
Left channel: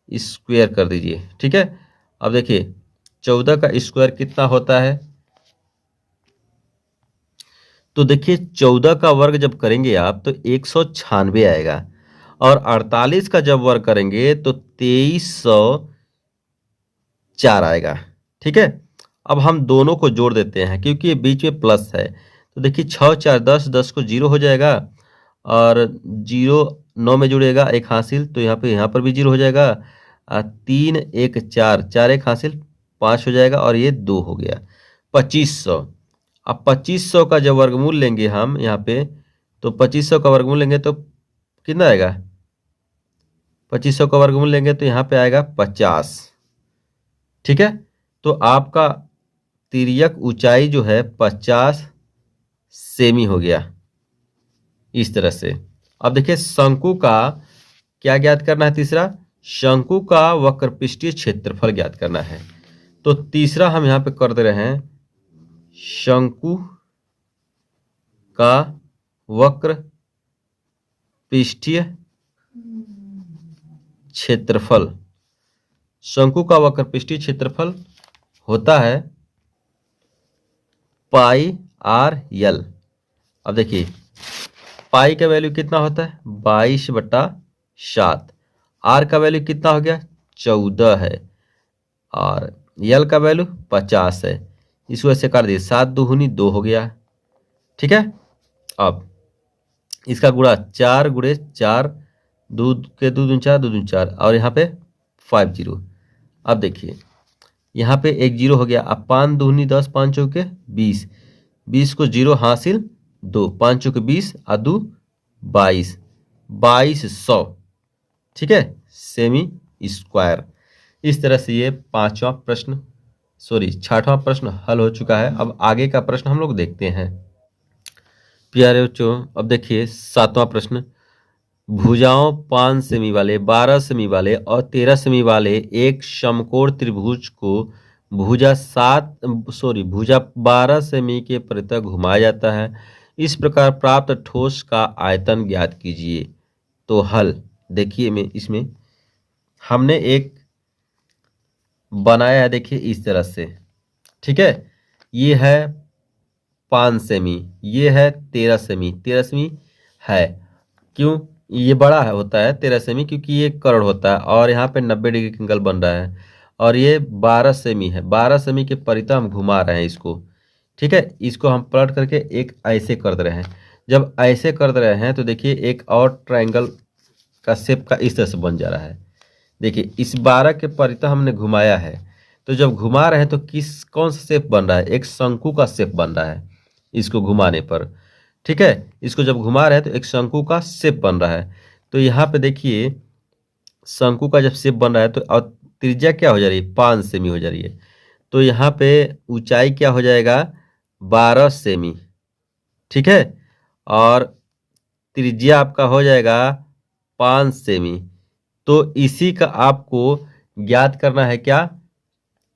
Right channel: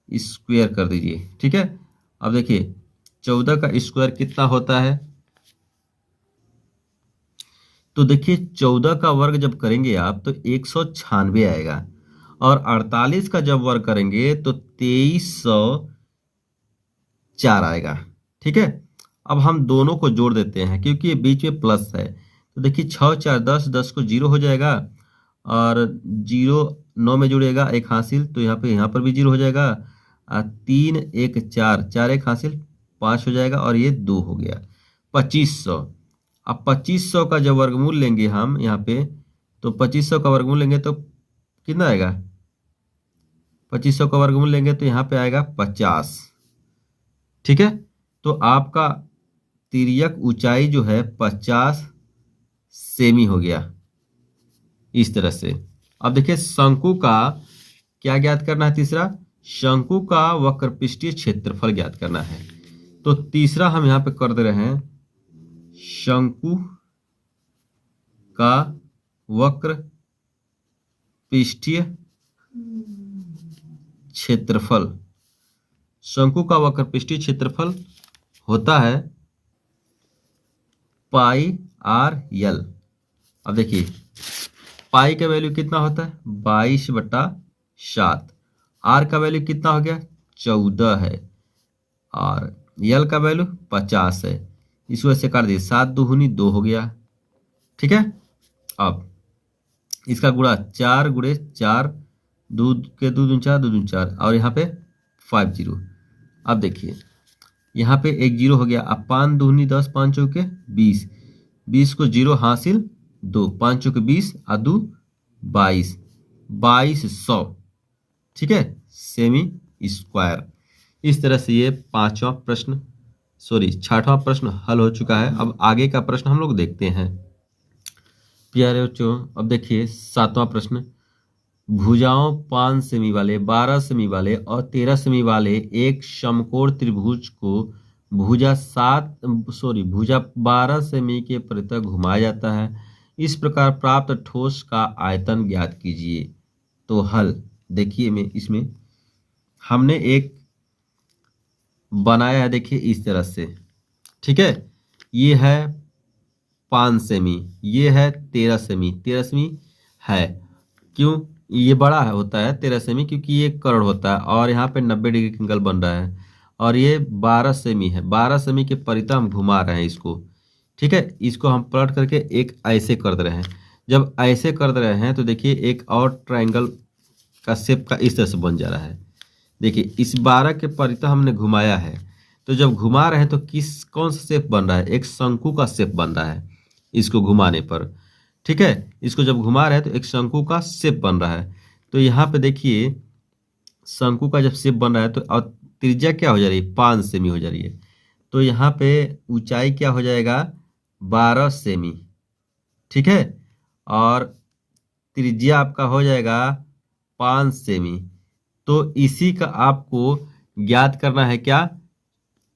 स्क्वायर कर दीजिए, ठीक है। अब देखिए 14 का स्क्वायर कितना होता है, तो देखिए 14 का वर्ग जब करेंगे आप तो 196 आएगा, और 48 का जब वर्ग करेंगे तो 2304 आएगा, ठीक है। अब हम दोनों को जोड़ देते हैं क्योंकि ये बीच में प्लस है। तो देखिए 6 4 10, 10 को 0 हो जाएगा और 0 9 में जुड़ेगा 1 हासिल, तो यहाँ पर भी 0 हो जाएगा। 3 1 4, 4 1 हासिल 5 हो जाएगा और ये 2 हो गया 2500। अब 2500 का जब वर्गमूल लेंगे हम यहाँ पे, तो 2500 का वर्गमूल लेंगे तो कितना आएगा, 2500 का वर्गमूल लेंगे तो यहाँ पे आएगा 50, ठीक है। तो आपका तिर्यक ऊंचाई जो है 50 सेमी हो गया इस तरह से। अब देखिए शंकु का क्या ज्ञात करना है, तीसरा शंकु का वक्रपृष्ठीय क्षेत्रफल ज्ञात करना है। तो तीसरा हम यहाँ पे कर दे रहे हैं शंकु का वक्र पृष्ठीय क्षेत्रफल। शंकु का वक्र पृष्ठीय क्षेत्रफल होता है पाई आर यल। अब देखिए पाई का वैल्यू कितना होता है 22/7, आर का वैल्यू कितना हो गया 14 है, और यल का वैल्यू 50 है। इस वजह से काट दिए 7 दूनी 2 हो गया, ठीक है। अब इसका गुणा 4 गुणे 4, दूध के 2 दूनी 4, 2 दूनी 4, और यहाँ पे 5 0। अब देखिए यहाँ पे एक 0 हो गया। अब 5 दूनी 10, 5 चौके 20, 20 को 0 हासिल 2, 5 चौके 20 और 2 22, 2200, ठीक है, सेमी स्क्वायर। इस तरह से ये छठवां प्रश्न हल हो चुका है। अब आगे का प्रश्न हम लोग देखते हैं प्यारे बच्चों। अब देखिए 7वां प्रश्न, भुजाओं 5 सेमी वाले, 12 सेमी वाले और 13 सेमी वाले एक समकोण त्रिभुज को भुजा 12 सेमी के परितः घुमाया जाता है। इस प्रकार प्राप्त ठोस का आयतन ज्ञात कीजिए। तो हल देखिए, में इसमें हमने एक बनाया है, देखिए इस तरह से, ठीक है। ये है 5 सेमी, ये है 13 सेमी। 13 सेमी है, क्यों ये बड़ा है होता है 13 सेमी, क्योंकि ये कर्ण होता है और यहाँ पे 90 डिग्री का एंगल बन रहा है। और ये 12 सेमी है, 12 सेमी के परितः हम घुमा रहे हैं इसको, ठीक है। इसको हम पलट करके एक ऐसे कर दे रहे हैं। जब ऐसे कर दे रहे हैं तो देखिए एक और ट्रायंगल का शेप का इस तरह से बन जा रहा है। देखिए इस 12 के परितः हमने घुमाया है, तो जब घुमा रहे हैं तो कौन सा शेप बन रहा है, एक शंकु का शेप बन रहा है इसको घुमाने पर, ठीक है। इसको जब घुमा रहे हैं तो एक शंकु का शेप बन रहा है। तो यहाँ पे देखिए शंकु का जब शेप बन रहा है तो और त्रिज्या क्या हो जा रही है 5 सेमी हो जा रही है। तो यहाँ पे ऊंचाई क्या हो जाएगा 12 सेमी, ठीक है, और त्रिज्या आपका हो जाएगा 5 सेमी। तो इसी का आपको ज्ञात करना है क्या,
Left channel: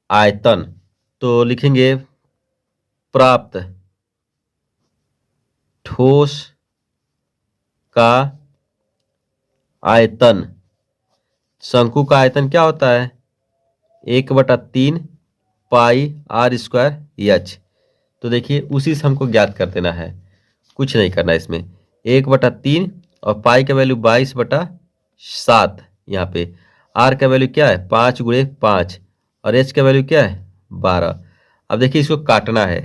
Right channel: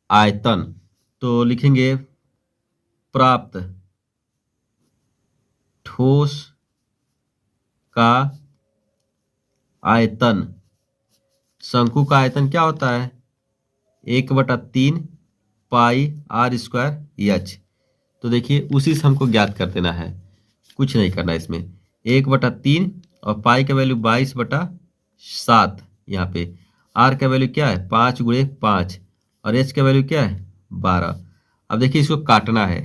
आयतन। तो लिखेंगे प्राप्त ठोस का आयतन। शंकु का आयतन क्या होता है 1/3 पाई आर स्क्वायर एच। तो देखिए उसी से हमको ज्ञात कर देना है, कुछ नहीं करना है इसमें। 1/3 और पाई का वैल्यू 22/7, यहाँ पे आर का वैल्यू क्या है 5 गुणे 5 और एच का वैल्यू क्या है 12। अब देखिए इसको काटना है,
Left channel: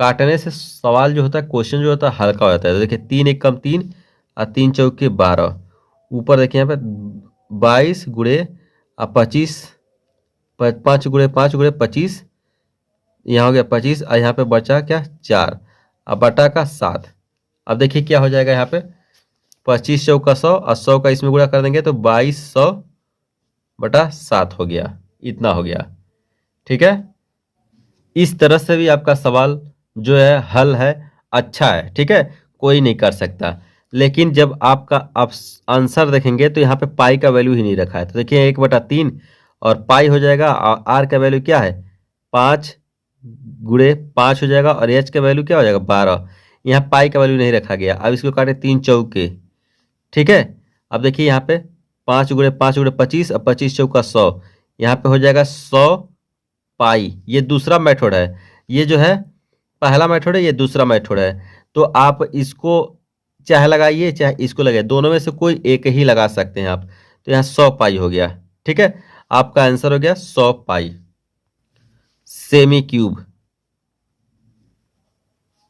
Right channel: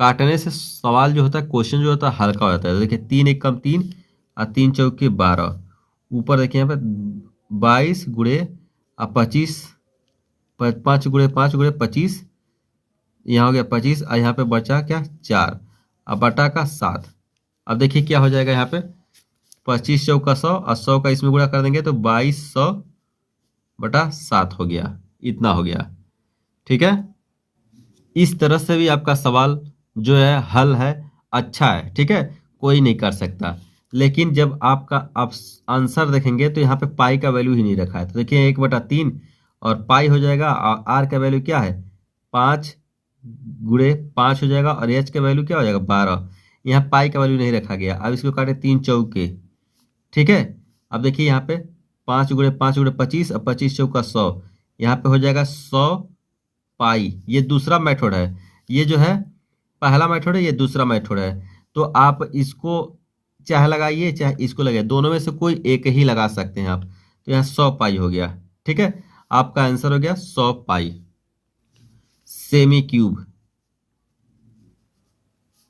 काटने से सवाल जो होता है, क्वेश्चन जो होता है हल्का हो जाता है। तो देखिए 3 1 कम 3 और 3 चौके 12, ऊपर देखिए यहाँ पे 22 गुणे 25, 5 गुणे 5 गुणे 25 यहाँ हो गया 25 और यहाँ पे बचा क्या 4 अब बटा का 7। अब देखिए क्या हो जाएगा यहाँ पे 25 चौका 100 और 100 का इसमें गुणा कर देंगे तो 2200/7 हो गया, इतना हो गया। ठीक है, इस तरह से भी आपका सवाल जो है हल है, अच्छा है। ठीक है, कोई नहीं कर सकता। लेकिन जब आपका आप आंसर देखेंगे तो यहाँ पे पाई का वैल्यू ही नहीं रखा है, तो देखिए 1/3 और पाई हो जाएगा। आर का वैल्यू क्या है 5 × 5 हो जाएगा और एच का वैल्यू क्या हो जाएगा 12। यहाँ पाई का वैल्यू नहीं रखा गया। अब इसको काटे 3 चौके। ठीक है, अब देखिए यहाँ पे 5 × 5 × 25 और 25 चौका 100, यहाँ पे हो जाएगा 100 पाई। ये दूसरा मेथड है, ये जो है पहला मेथड है, ये दूसरा मेथड है। तो आप इसको चाहे लगाइए चाहे इसको लगाइए, दोनों में से कोई एक ही लगा सकते हैं आप। तो यहाँ 100 पाई हो गया। ठीक है, आपका आंसर हो गया 100 पाई सेमी क्यूब।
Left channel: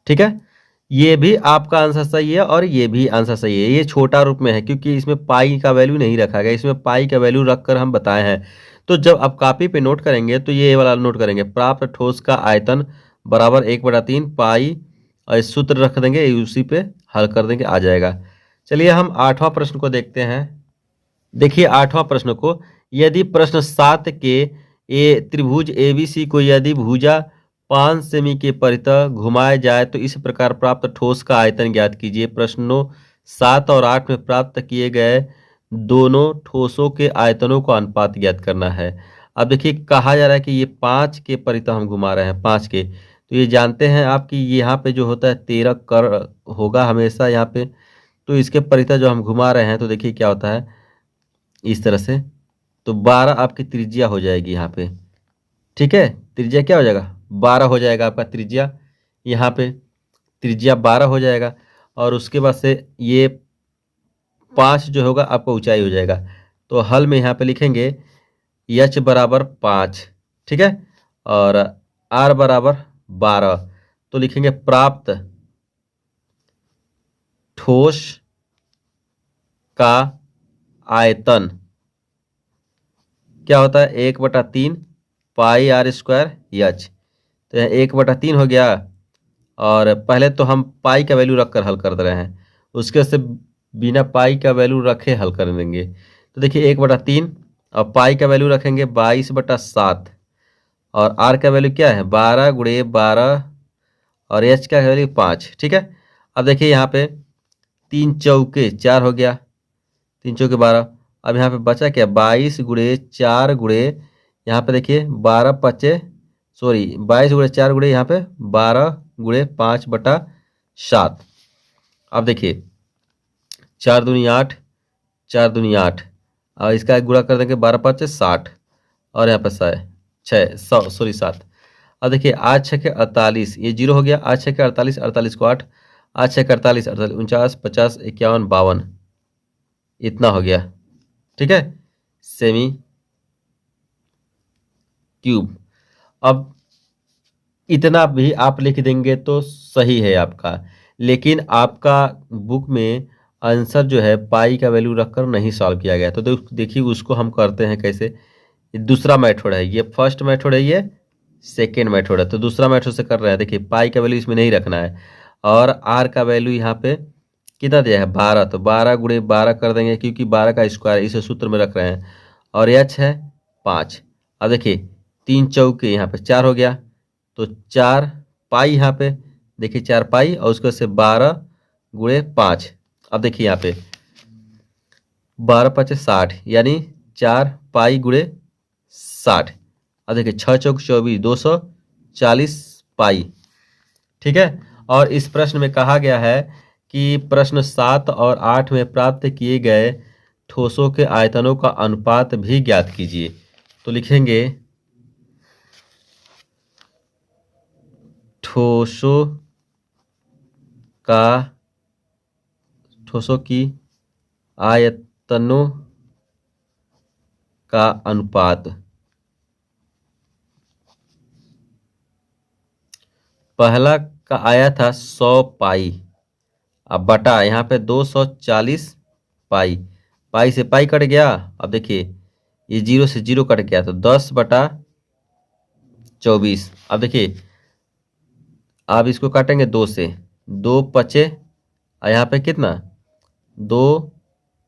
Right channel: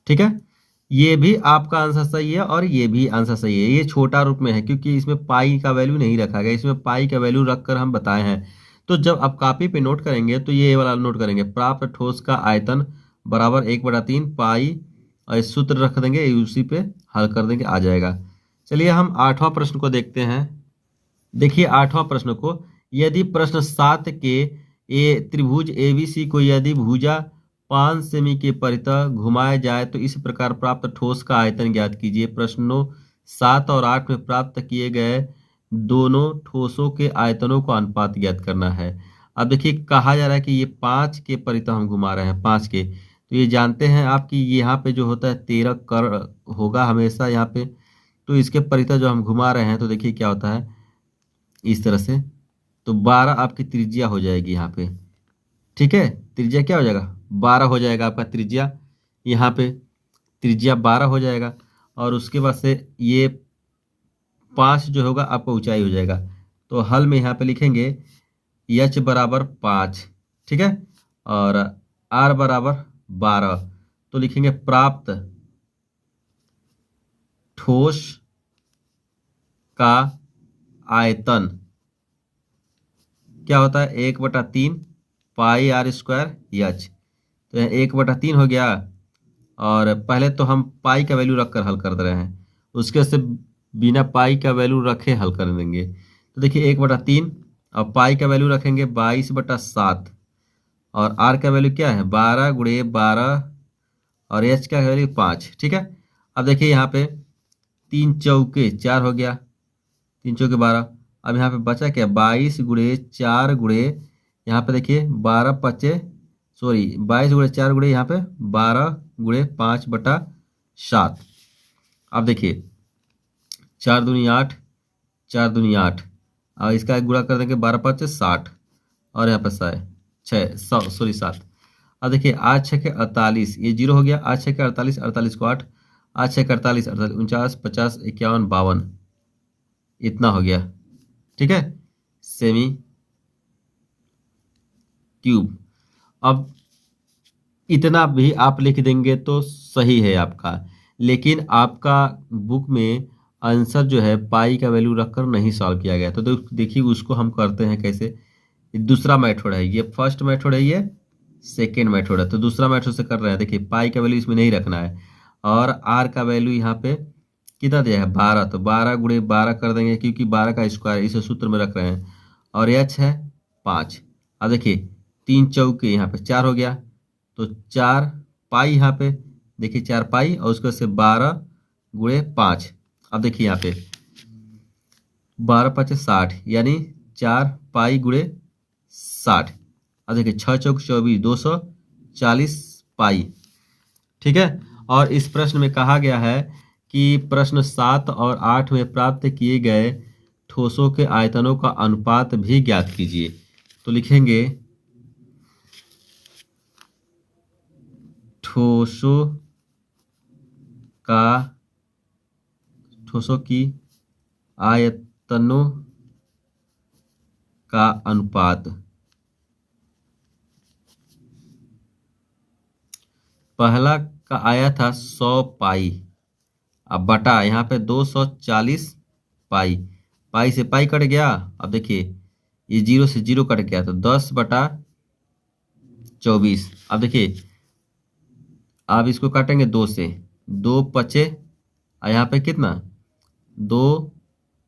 ठीक है, ये भी आपका आंसर सही है और ये भी आंसर सही है। ये छोटा रूप में है क्योंकि इसमें पाई का वैल्यू नहीं रखा गया, इसमें पाई का वैल्यू रखकर हम बताए हैं। तो जब आप कॉपी पे नोट करेंगे तो ये वाला नोट करेंगे, प्राप्त ठोस का आयतन बराबर 1/3 पाई, और इस सूत्र रख देंगे, उसी पे हल कर देंगे, आ जाएगा। चलिए हम 8वां प्रश्न को देखते हैं। देखिए 8वां प्रश्न को, यदि प्रश्न 7 के त्रिभुज एबीसी को यदि भुजा 5 सेमी के परितः घुमाया जाए तो इस प्रकार प्राप्त ठोस का आयतन ज्ञात कीजिए। प्रश्नों 7 और 8 में प्राप्त किए गए दोनों ठोसों के आयतनों का अनुपात ज्ञात करना है। अब देखिए कहा जा रहा है कि ये 5 के परितः हम घुमा रहे हैं, 5 के, तो ये जानते हैं आप कि यहाँ पे जो होता है 13 कर होगा हमेशा यहाँ पे। तो इसके परितः जो हम घुमा रहे हैं तो देखिए क्या होता है इस तरह से, तो 12 आपकी त्रिज्या हो जाएगी यहाँ पे। ठीक है, त्रिज्या क्या हो जाएगा 12 हो जाएगा आपका त्रिज्या, यहाँ पे त्रिज्या 12 हो जाएगा। और उसके बाद से ये 5 जो होगा आपका ऊंचाई हो जाएगा। तो हल में यहाँ पे लिखेंगे h बराबर 5। ठीक है, और r बराबर 12। तो लिखेंगे प्राप्त ठोस का आयतन क्या होता है 1/3 पाई r² h। तो यहाँ 1/3 हो गया, और पहले तो हम पाई का वैल्यू रख कर हल कर दे रहे हैं, उसके से बिना पाई का वैल्यू रखे हल कर देंगे। तो देखिए 1/3 और पाई का वैल्यू रखेंगे 22/7, और आर का वैल्यू क्या है 12 × 12 और एच का वैल्यू 5। ठीक है, अब देखिए यहाँ पे 3 चौके 4 हो गया, 3 चौके 12। अब यहाँ पे बचा क्या 22 × 4 × यहाँ पे देखिए 22 × 4 × यहाँ पे 12 × 5/7। अब देखिए 4 दूनी 8, 4 दूनी 8, और इसका गुणा कर देंगे 12 × 5 = 60, और यहाँ पे 7। अब देखिए 8 × 6 = 48, ये 0 हो गया। 8 × 6 = 48, 48 को 8, 8 × 6 = 48, 48 49 50 51 52, इतना हो गया। ठीक है, सेमी क्यूब। अब इतना भी आप लिख देंगे तो सही है आपका, लेकिन आपका बुक में आंसर जो है पाई का वैल्यू रखकर नहीं सॉल्व किया गया। तो देखिए उसको हम करते हैं कैसे। ये दूसरा मेथड है, ये फर्स्ट मेथड है, ये सेकेंड मेथड है। तो दूसरा मेथड से कर रहे हैं। देखिए पाई का वैल्यू इसमें नहीं रखना है, और आर का वैल्यू यहाँ पे कितना दिया है 12, तो 12 × 12 कर देंगे क्योंकि 12 का स्क्वायर इसे सूत्र में रख रहे हैं, और एच है 5। अब देखिए 3 चौके यहाँ पे 4 हो गया, तो 4 पाई यहाँ पे देखिए 4 पाई, और उसके से 12 × 5। अब देखिए यहाँ पे 12 × 5 = 60, यानी 4 पाई × 60। अब देखिए 6 चौक 24, 240 पाई। ठीक है, और इस प्रश्न में कहा गया है कि प्रश्न 7 और 8 में प्राप्त किए गए ठोसों के आयतनों का अनुपात भी ज्ञात कीजिए। तो लिखेंगे ठोसों की आयतनों का अनुपात। पहला का आया था 100 पाई, अब बटा यहाँ पे 240 पाई, पाई से पाई कट गया। अब देखिए ये 0 से 0 कट गया, तो 10/24। अब देखिए आप इसको काटेंगे 2 से, 2 पचे और यहाँ पे कितना 2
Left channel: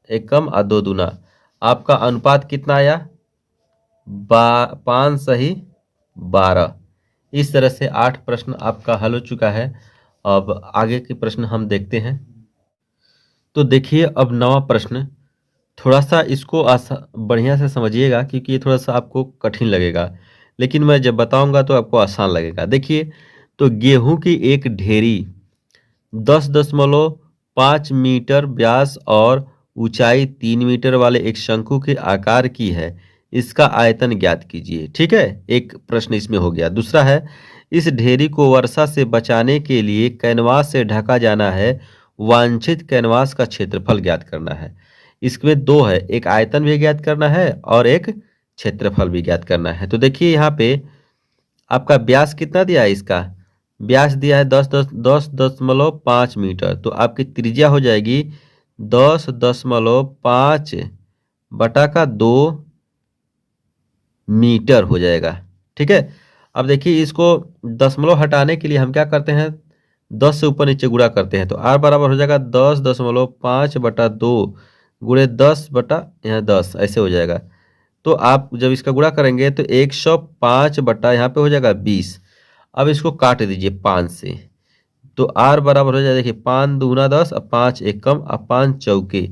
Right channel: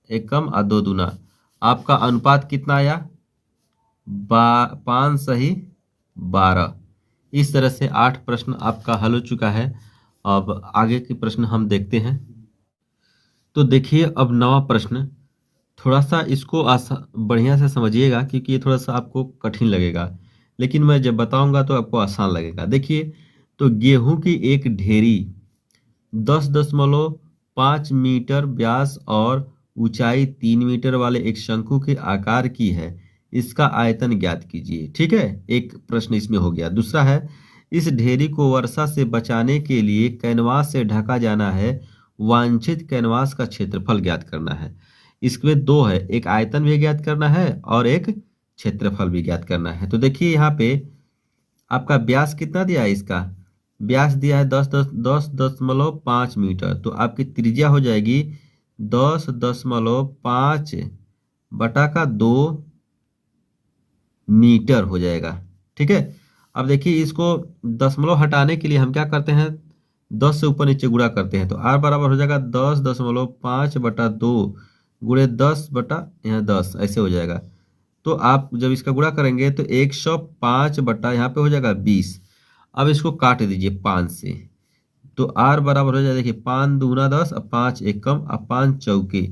एकम और 2 दूना, आपका अनुपात कितना आया 5 सही 12। इस तरह से 8 प्रश्न आपका हल हो चुका है। अब आगे के प्रश्न हम देखते हैं। तो देखिए अब 9वां प्रश्न, थोड़ा सा इसको बढ़िया से समझिएगा क्योंकि ये थोड़ा सा आपको कठिन लगेगा, लेकिन मैं जब बताऊंगा तो आपको आसान लगेगा। देखिए, तो गेहूं की एक ढेरी 10.5 मीटर व्यास और ऊंचाई 3 मीटर वाले एक शंकु के आकार की है, इसका आयतन ज्ञात कीजिए। ठीक है, एक प्रश्न इसमें हो गया। दूसरा है, इस ढेरी को वर्षा से बचाने के लिए कैनवास से ढका जाना है, वांछित कैनवास का क्षेत्रफल ज्ञात करना है। इसमें दो है, एक आयतन भी ज्ञात करना है और एक क्षेत्रफल भी ज्ञात करना है। तो देखिए यहाँ पे आपका व्यास कितना दिया है, इसका व्यास दिया है 10.5 मीटर, तो आपकी त्रिज्या हो जाएगी 10.5 बटा का 2 मीटर हो जाएगा। ठीक है, अब देखिए इसको दशमलव हटाने के लिए हम क्या करते हैं, 10 से ऊपर नीचे गुणा करते हैं, तो r बराबर हो जाएगा 10.5 बटा 2 गुणे 10 बटा यहाँ 10, ऐसे हो जाएगा। तो आप जब इसका गुणा करेंगे तो 105 बटा यहाँ पे हो जाएगा 20। अब इसको काट दीजिए 5 से, तो r बराबर हो जाएगा, देखिए 5 दूना 10 और 5 एकम और 5 चौके,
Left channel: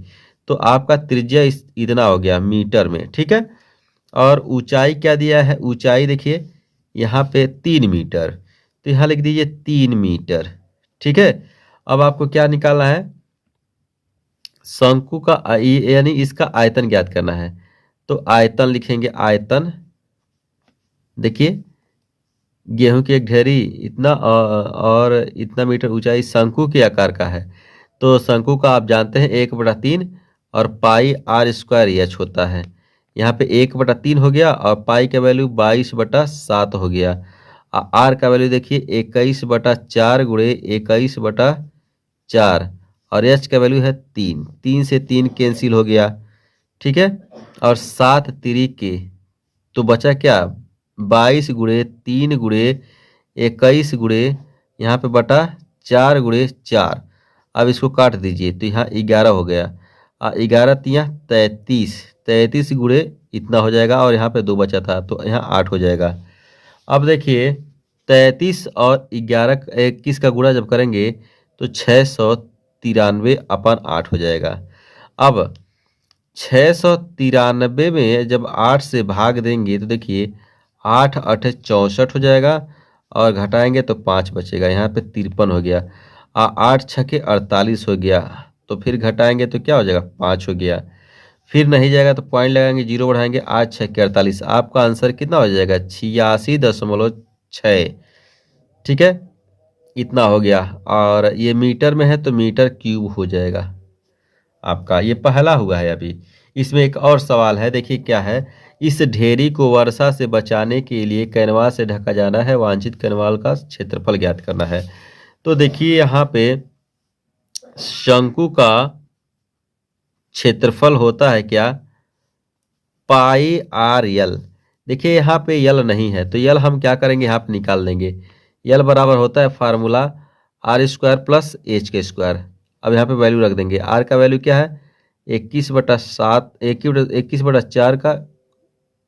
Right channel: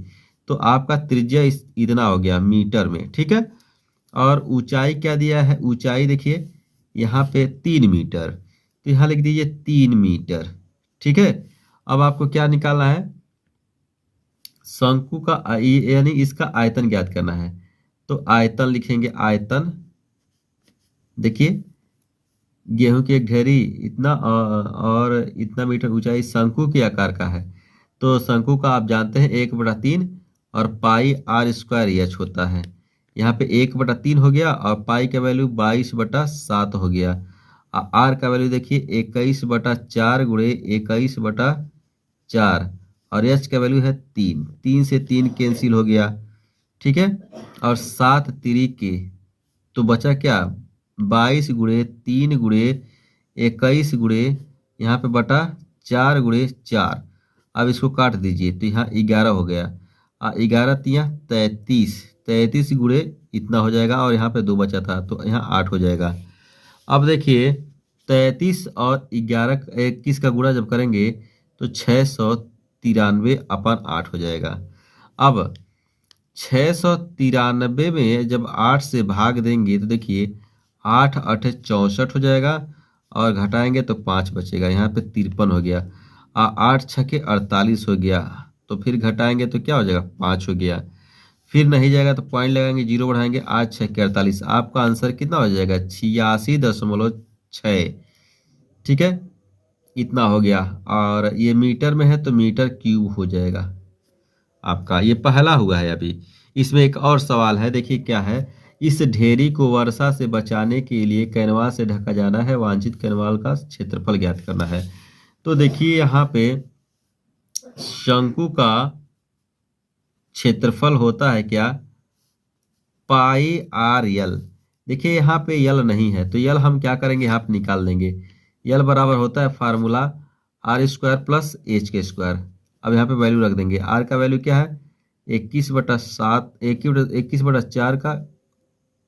तो आपका त्रिज्या इतना हो गया मीटर में। ठीक है, और ऊंचाई क्या दिया है, ऊंचाई देखिए यहाँ पे 3 मीटर, तो यहाँ लिख दीजिए 3 मीटर। ठीक है, अब आपको क्या निकालना है, शंकु का यानी इसका आयतन ज्ञात करना है। तो आयतन लिखेंगे, आयतन देखिए गेहूं की एक ढेरी इतना और इतना मीटर ऊंचाई शंकु के आकार का है, तो शंकु का आप जानते हैं 1/3 और पाई r² h होता है। यहाँ पे 1/3 हो गया और पाई का वैल्यू 22/7 हो गया। आर का वैल्यू देखिए 21/4 गुणे 21/4 और एच का वैल्यू है 3, 3 से 3 कैंसिल हो गया। ठीक है, और 7 तिरिके तो बचा क्या 22 गुणे 3 गुणे 21 गुणे यहाँ पे बटा 4 गुणे 4। अब इसको काट दीजिए तो यहाँ 11 हो गया, 11 तिया 33, 33 गुणे इतना हो जाएगा और यहाँ पे 2 बचा था तो यहाँ 8 हो जाएगा। अब देखिए 33 और 21 का गुणा जब करेंगे तो 693/8 हो जाएगा। अब 693 में जब 8 से भाग देंगे तो देखिए 8 8 64 हो जाएगा और घटाएंगे तो 5 बचेगा, यहाँ पे 53 हो गया। 8 छके 48 हो गया, तो फिर घटाएंगे तो क्या हो जाएगा 5 हो गया। फिर नहीं जाएगा तो पॉइंट लगाएंगे, 0 बढ़ाएंगे, 8 छके 48, आपका आंसर कितना हो जाएगा 86.6। ठीक है, इतना हो गया और ये मीटर में है तो मीटर क्यूब हो जाएगा आपका। ये पहला हुआ है। अभी इसमें एक और सवाल है, देखिए क्या है, इस ढेरी को वर्षा से बचाने के लिए कैनवास से ढका जाना है, वांछित कैनवास का क्षेत्रफल ज्ञात करना है। तो देखिए यहाँ पे शंकु का क्षेत्रफल होता है क्या, पाई आर यल। देखिए यहाँ पे यल नहीं है तो यल हम क्या करेंगे, यहाँ पे निकाल देंगे। यल बराबर होता है फार्मूला r² प्लस h के स्क्वायर। अब यहाँ पे वैल्यू रख देंगे, r का वैल्यू क्या है 21/7, 21/4 का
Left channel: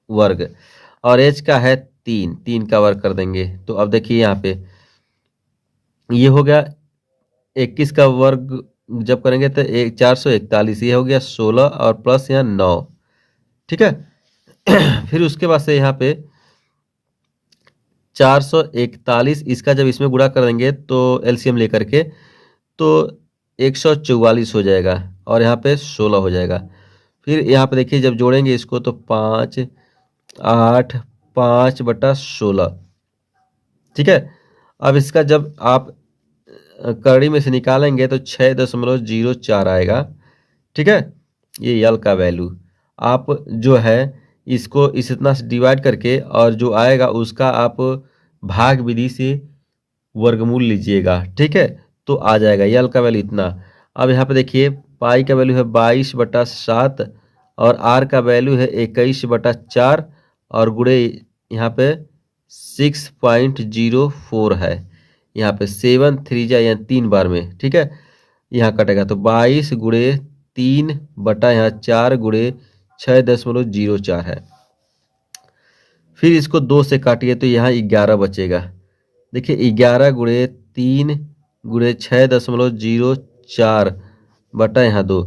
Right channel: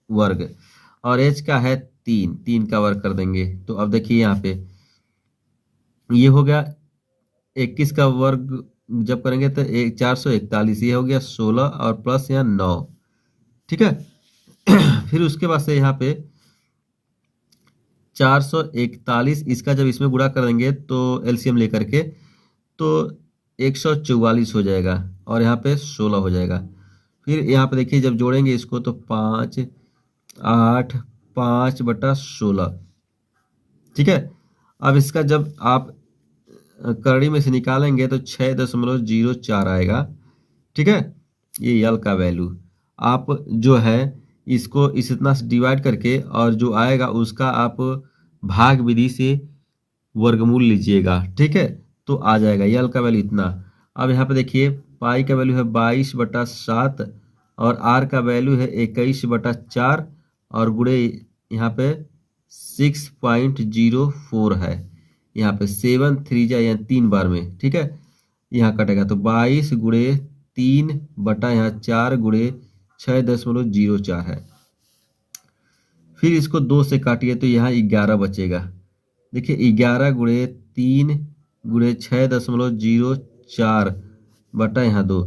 वर्ग और h का है 3, 3 का वर्ग कर देंगे। तो अब देखिए यहाँ पे ये हो गया 21 का वर्ग जब करेंगे तो 441, ये हो गया 16 और प्लस यहाँ 9। ठीक है फिर उसके बाद से यहाँ पे 441, इसका जब इसमें गुणा कर देंगे तो एलसीएम लेकर के तो 144 हो जाएगा और यहाँ पे 16 हो जाएगा। फिर यहाँ पे देखिए जब जोड़ेंगे इसको तो 5 8 5/16। ठीक है, अब इसका जब आप करड़ी में से निकालेंगे तो 6.04 आएगा। ठीक है, ये यल का वैल्यू आप जो है इसको इस इतना से डिवाइड करके और जो आएगा उसका आप भाग विधि से वर्गमूल लीजिएगा। ठीक है, तो आ जाएगा यल का वैल्यू इतना। अब यहाँ पे देखिए पाई का वैल्यू है 22/7 और आर का वैल्यू है 21/4 और गुणे यहाँ पे 6.04 है। यहाँ पे 7 3 जा यहाँ 3 बार में, ठीक है। यहाँ कटेगा तो 22 गुणे 3 बटा यहाँ 4 गुणे 6.04 है। फिर इसको 2 से काटिए तो यहाँ 11 बचेगा। देखिए 11 गुणे 3 गुणे 6.04 बटा यहाँ 2।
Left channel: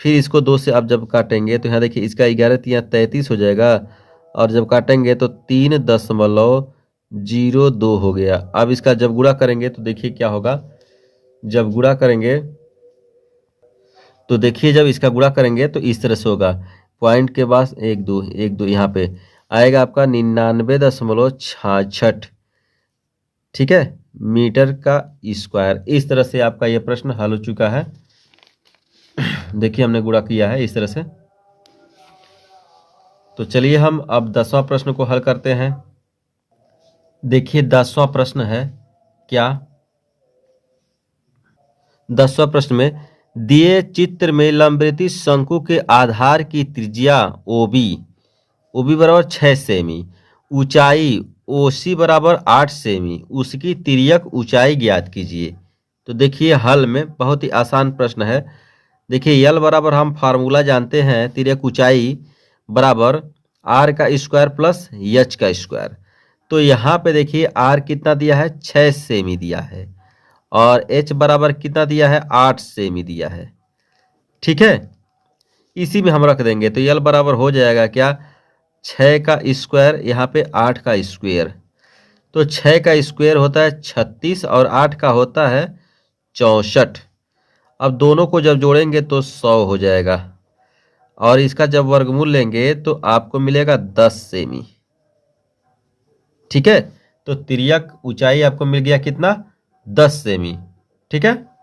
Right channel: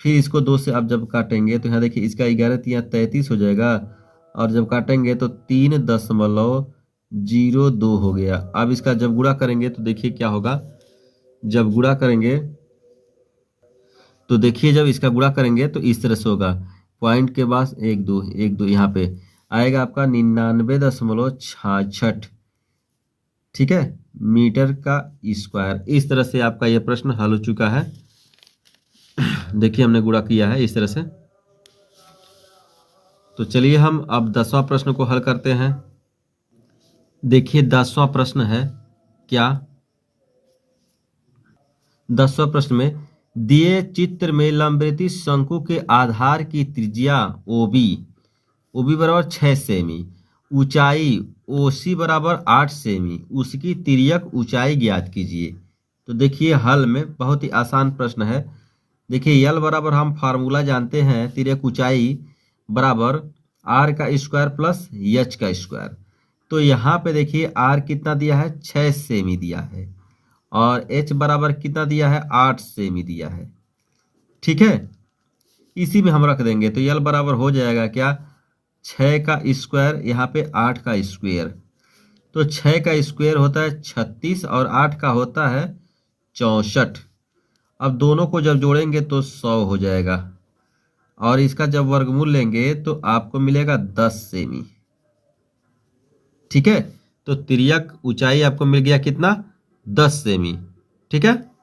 फिर इसको 2 से आप जब काटेंगे तो यहाँ देखिए इसका 11 तो यहाँ 33 हो जाएगा, और जब काटेंगे तो 3.02 हो गया। अब इसका जब गुणा करेंगे तो देखिए क्या होगा। जब गुणा करेंगे तो देखिए जब इसका गुणा करेंगे तो इस तरह से होगा, पॉइंट के पास 1 2 1 2 यहाँ पे आएगा आपका 99.66, ठीक है, मीटर का स्क्वायर। इस तरह से आपका ये प्रश्न हल हो चुका है। देखिए हमने गुणा किया है इस तरह से। तो चलिए हम अब 10वां प्रश्न को हल करते हैं। देखिए 10वां प्रश्न है क्या। 10वां प्रश्न में दिए चित्र में लंबवृत्तीय शंकु के आधार की त्रिज्या OB बराबर 6 सेमी, ऊंचाई OC बराबर 8 सेमी, उसकी तिर्यक ऊंचाई ज्ञात कीजिए। तो देखिए हल में बहुत ही आसान प्रश्न है। देखिए यल बराबर हम फार्मूला जानते हैं, तिर्यक ऊंचाई बराबर r का स्क्वायर प्लस h का स्क्वायर। तो यहाँ पे देखिए r कितना दिया है, 6 सेमी दिया है, और h बराबर कितना दिया है, 8 सेमी दिया है, ठीक है। इसी में हम रख देंगे तो यल बराबर हो जाएगा क्या, 6 का स्क्वायर यहाँ पे 8 का स्क्वायर। तो 6 का स्क्वायर होता है 36 और 8 का होता है 64। अब दोनों को जब जोड़ेंगे तो 100 हो जाएगा, और इसका जब वर्गमूल लेंगे तो आपको मिलेगा 10 सेमी, ठीक है। तो तिर्यक ऊंचाई आपको मिल गया कितना, 10 सेमी, ठीक है।